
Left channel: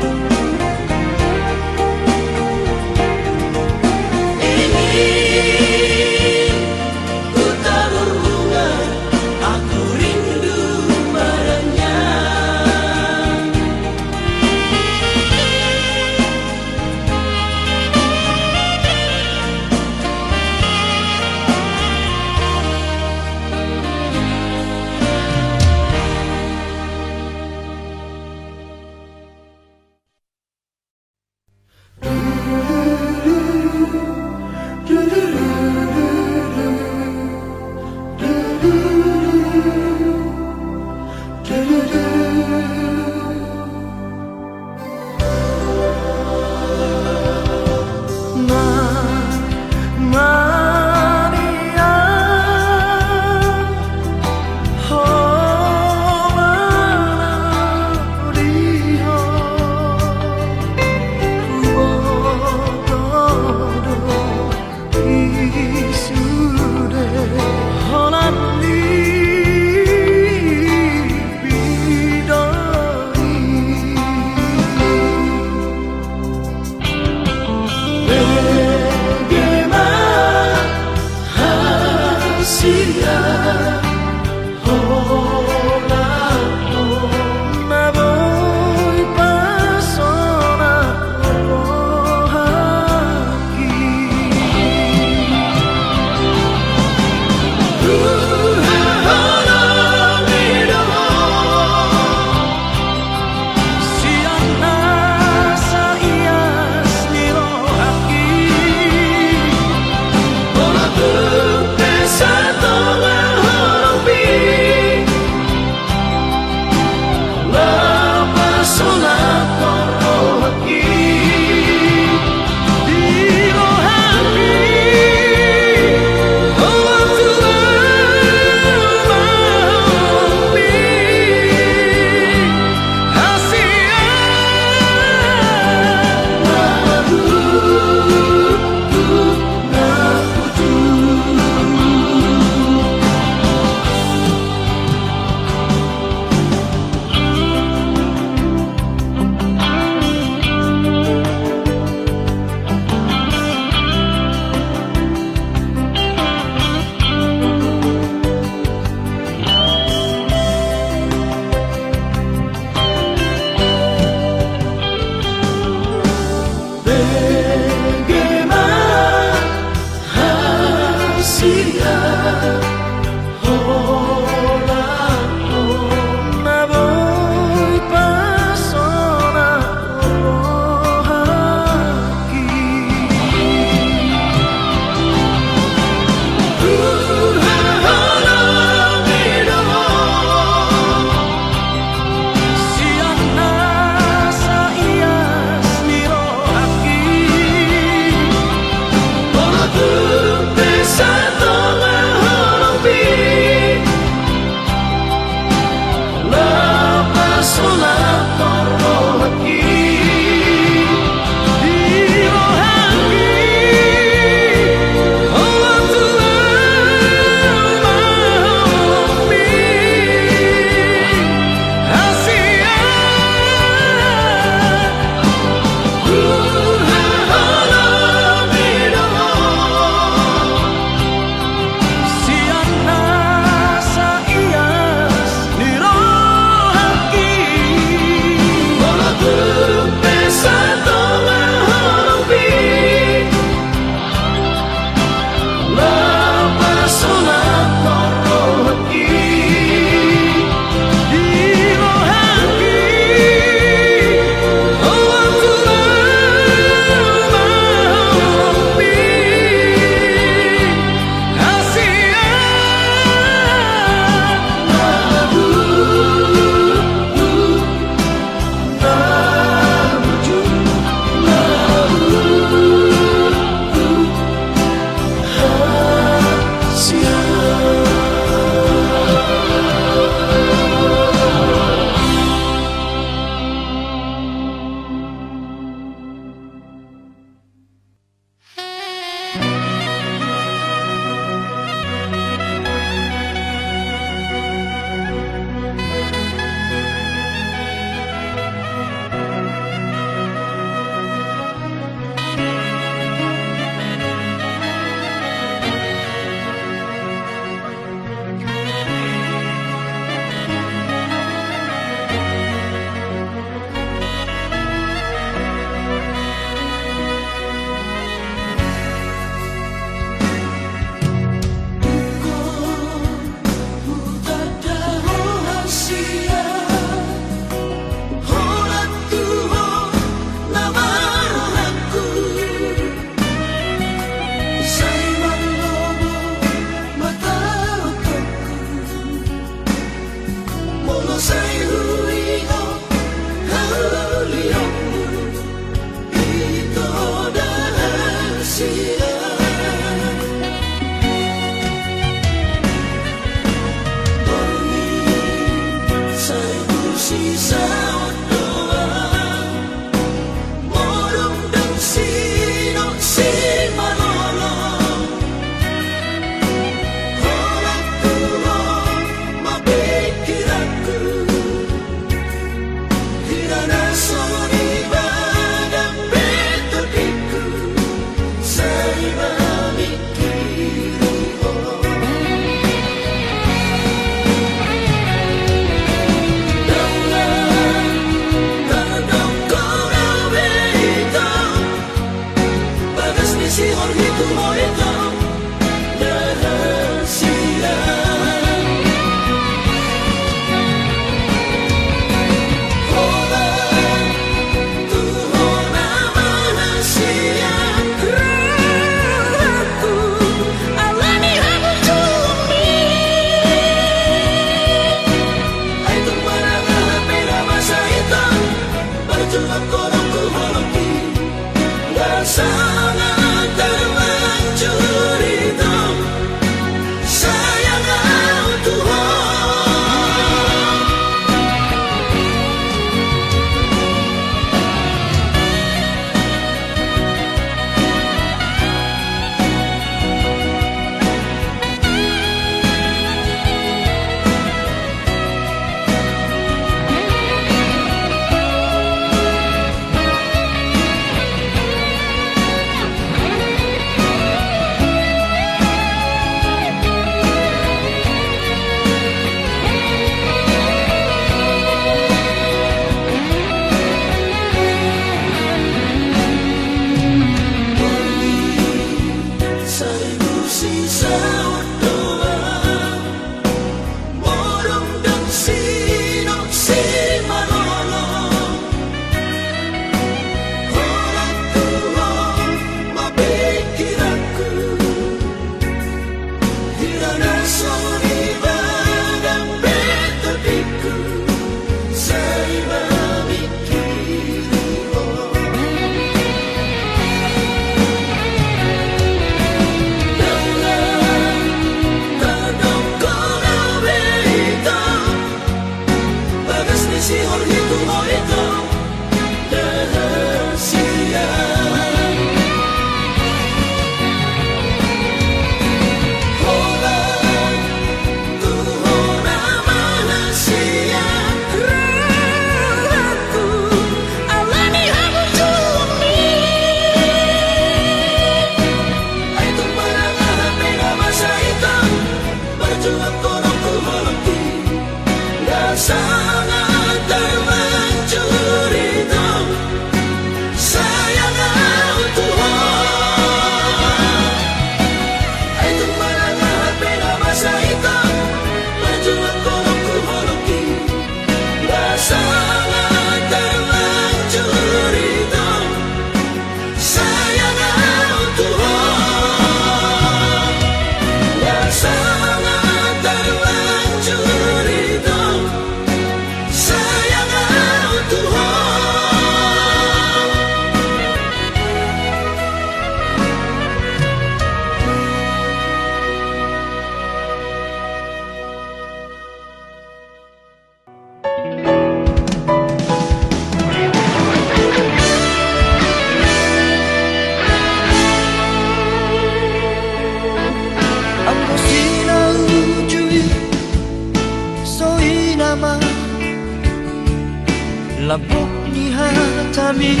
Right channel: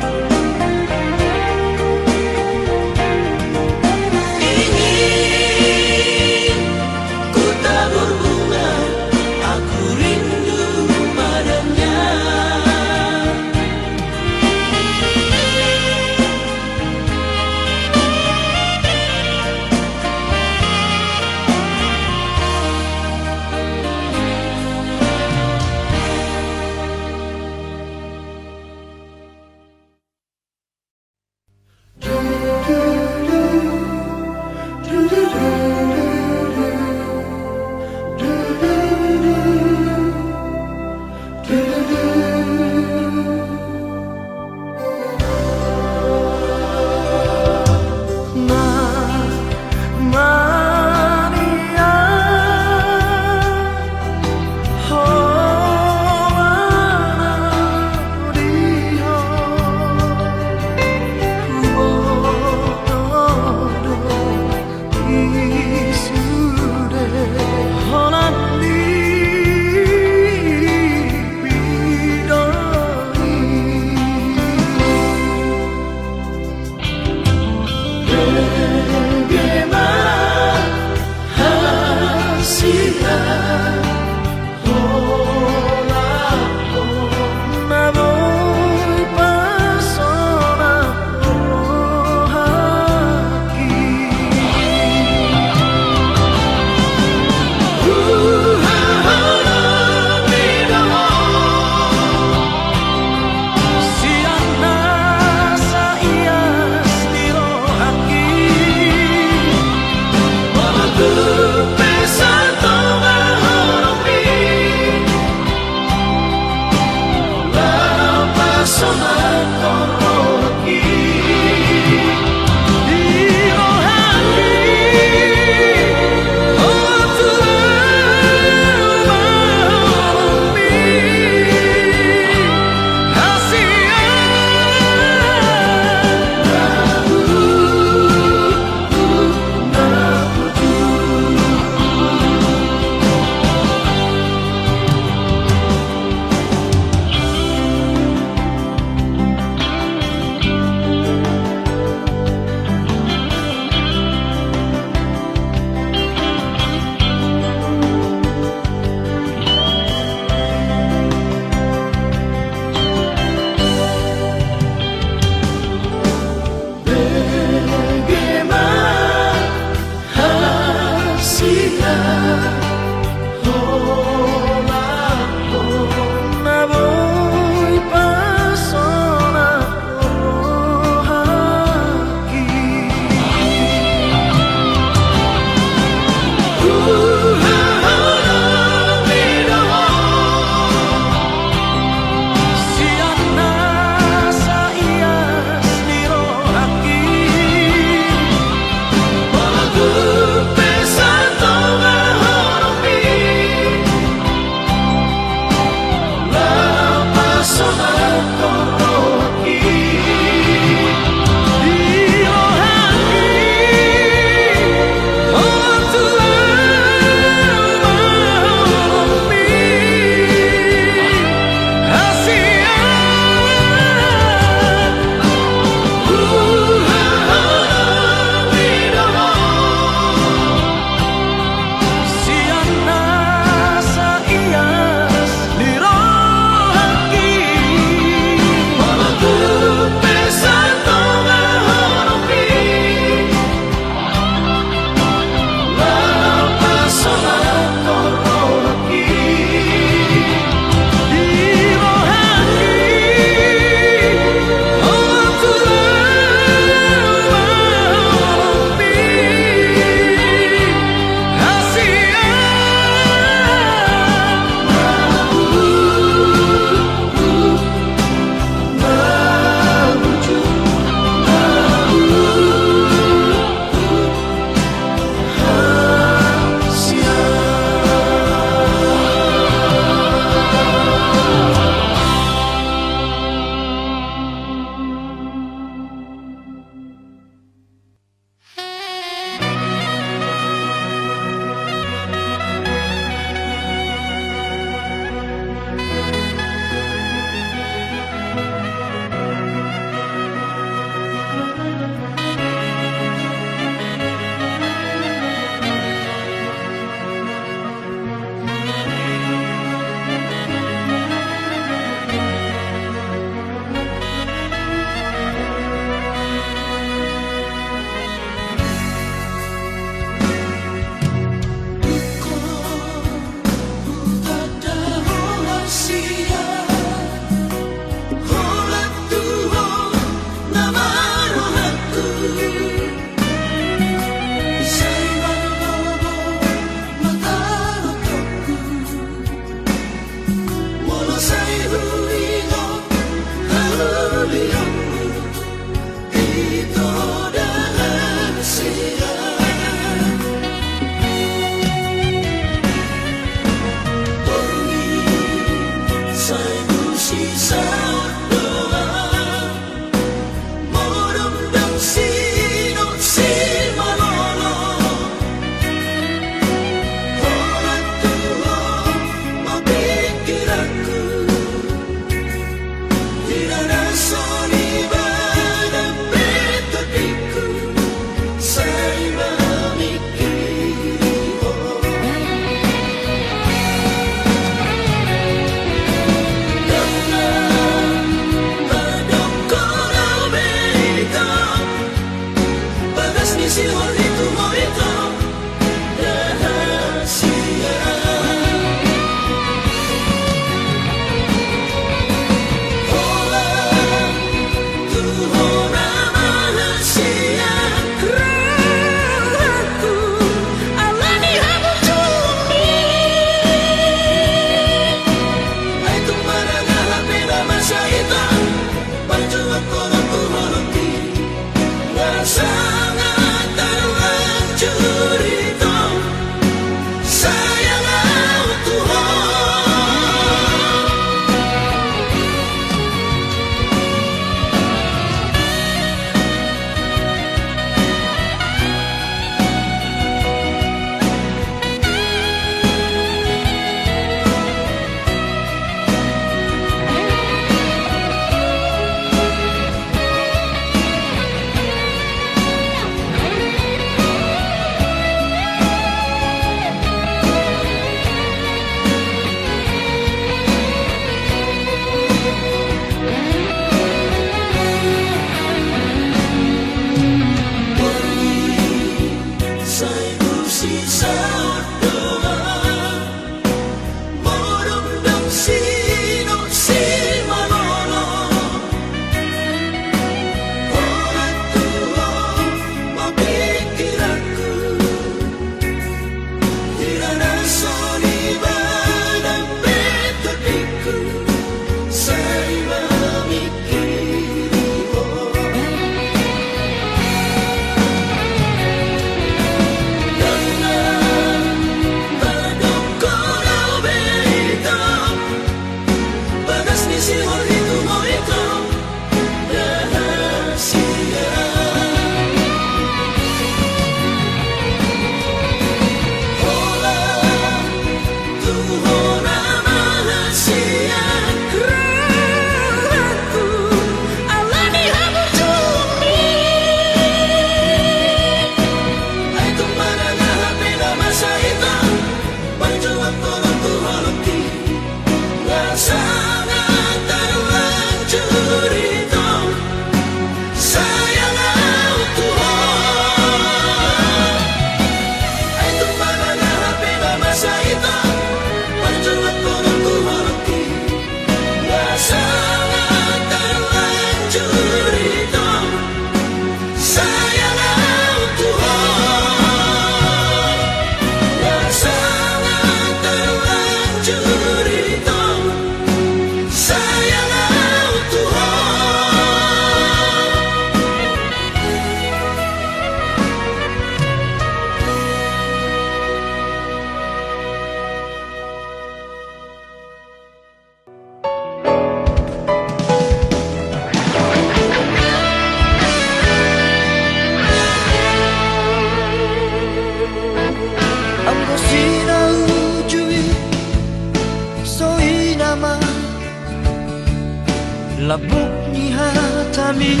Labok ni hatami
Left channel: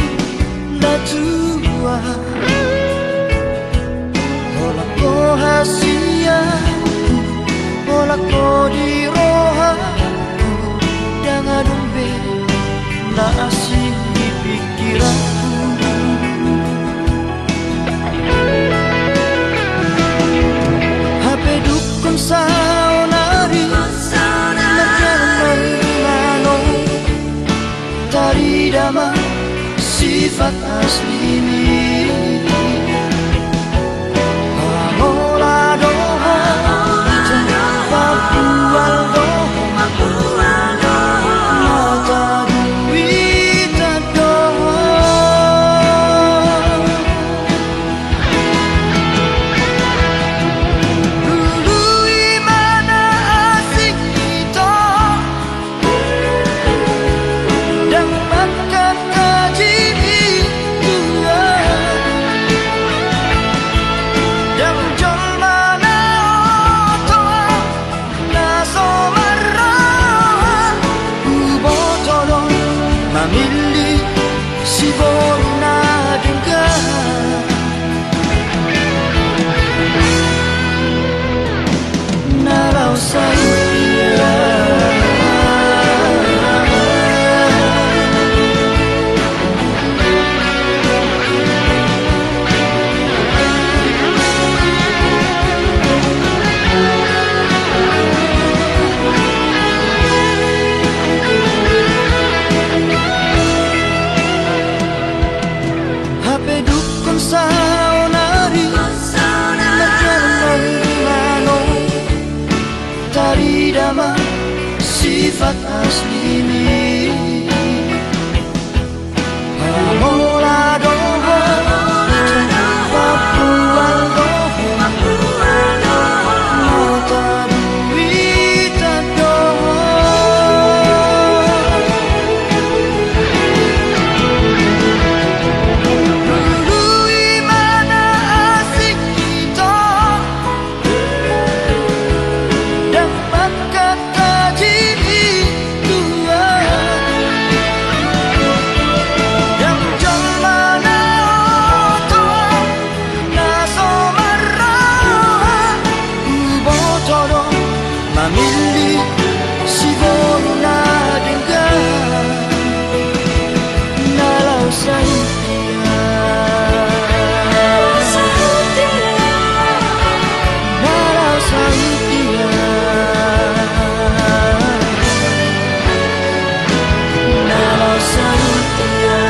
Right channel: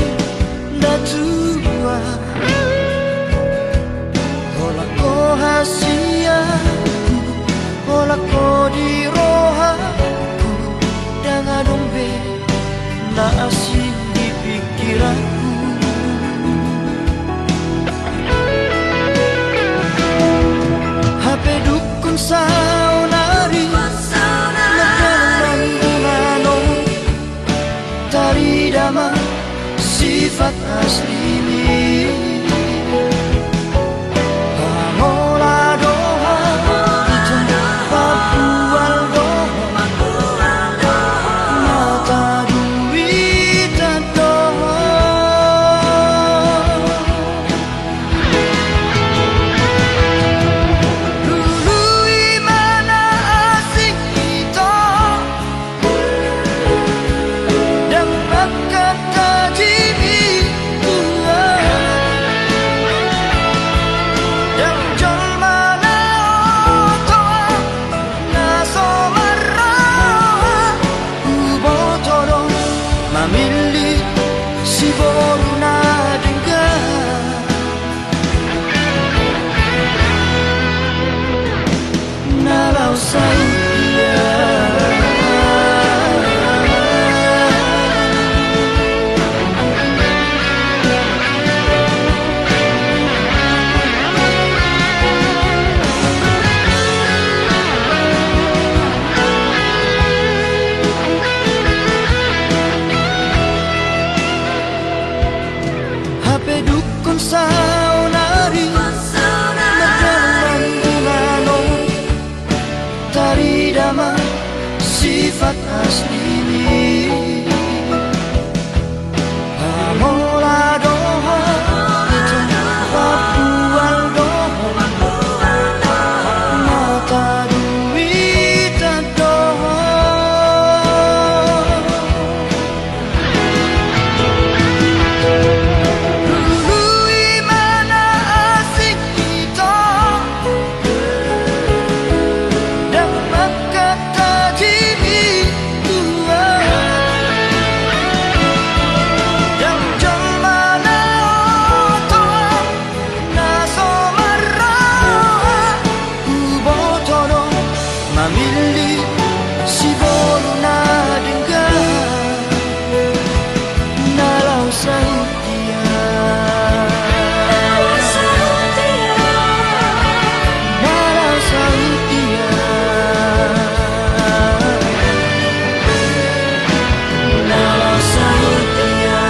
natua Hola ko hasiaku Hola ko di rohaku Dengan dombe na asing di pikiranku HP dukun saunari Merdalang mangunano Tari dama sifat asli ni Pamola doha Ita papual doha Mata duita doha Dulu imana asing ito memilih si boruna dengan nalau saya. HP dukun saunari merjalan gimana tari dama sifat asli ini Pamola doho Papual doho Mata duita doho memilih si boruna dengan nalau sautia nalau sautia nalau sautia.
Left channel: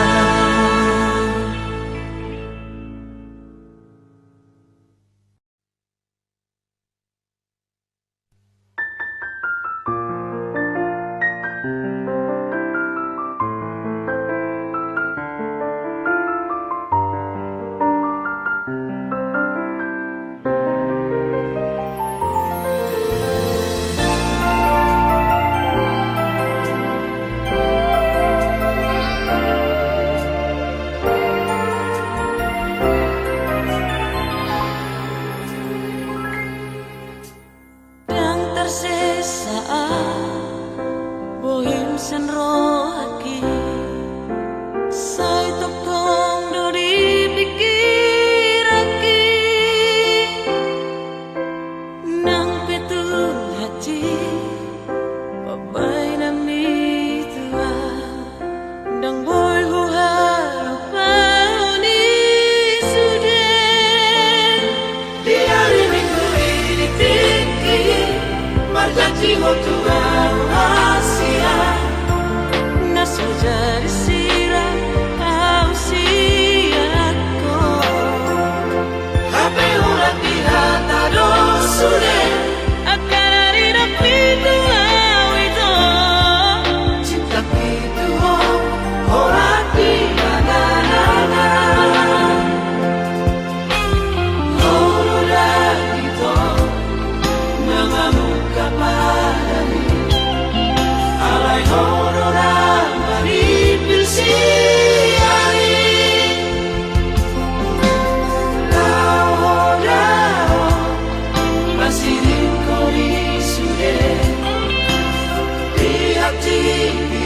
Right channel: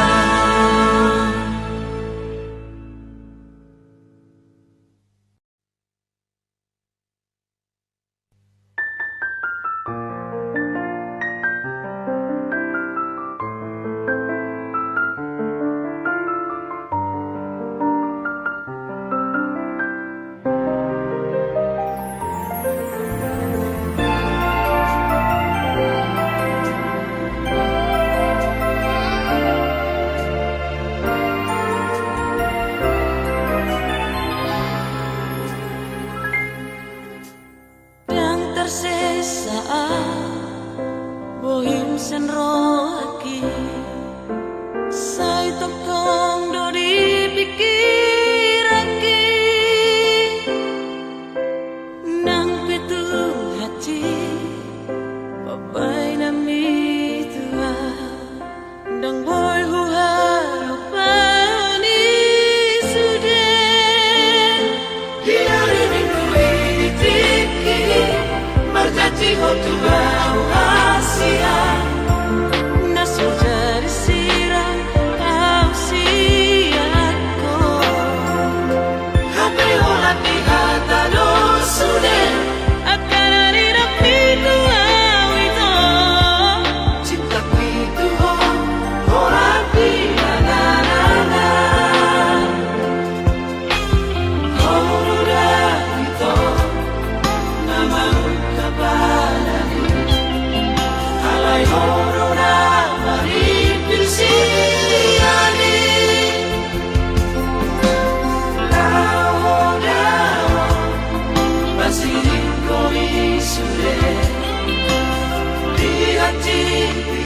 Yang tersisa bohim senro aki sai tok tong do dipikir aki nang petu hati pabai nami tua dang boy hu harupa ni sudah Diari minggu ini tiki Marjati hotua Asia naso jari sirang au siako Hape ulat di hata dosure akan hari napitu au itu Cinta pitu ho Horat di madana Horulah itu Nama kapadani Alay horona maripil siari Lao dao Masirin ko isure Di hati di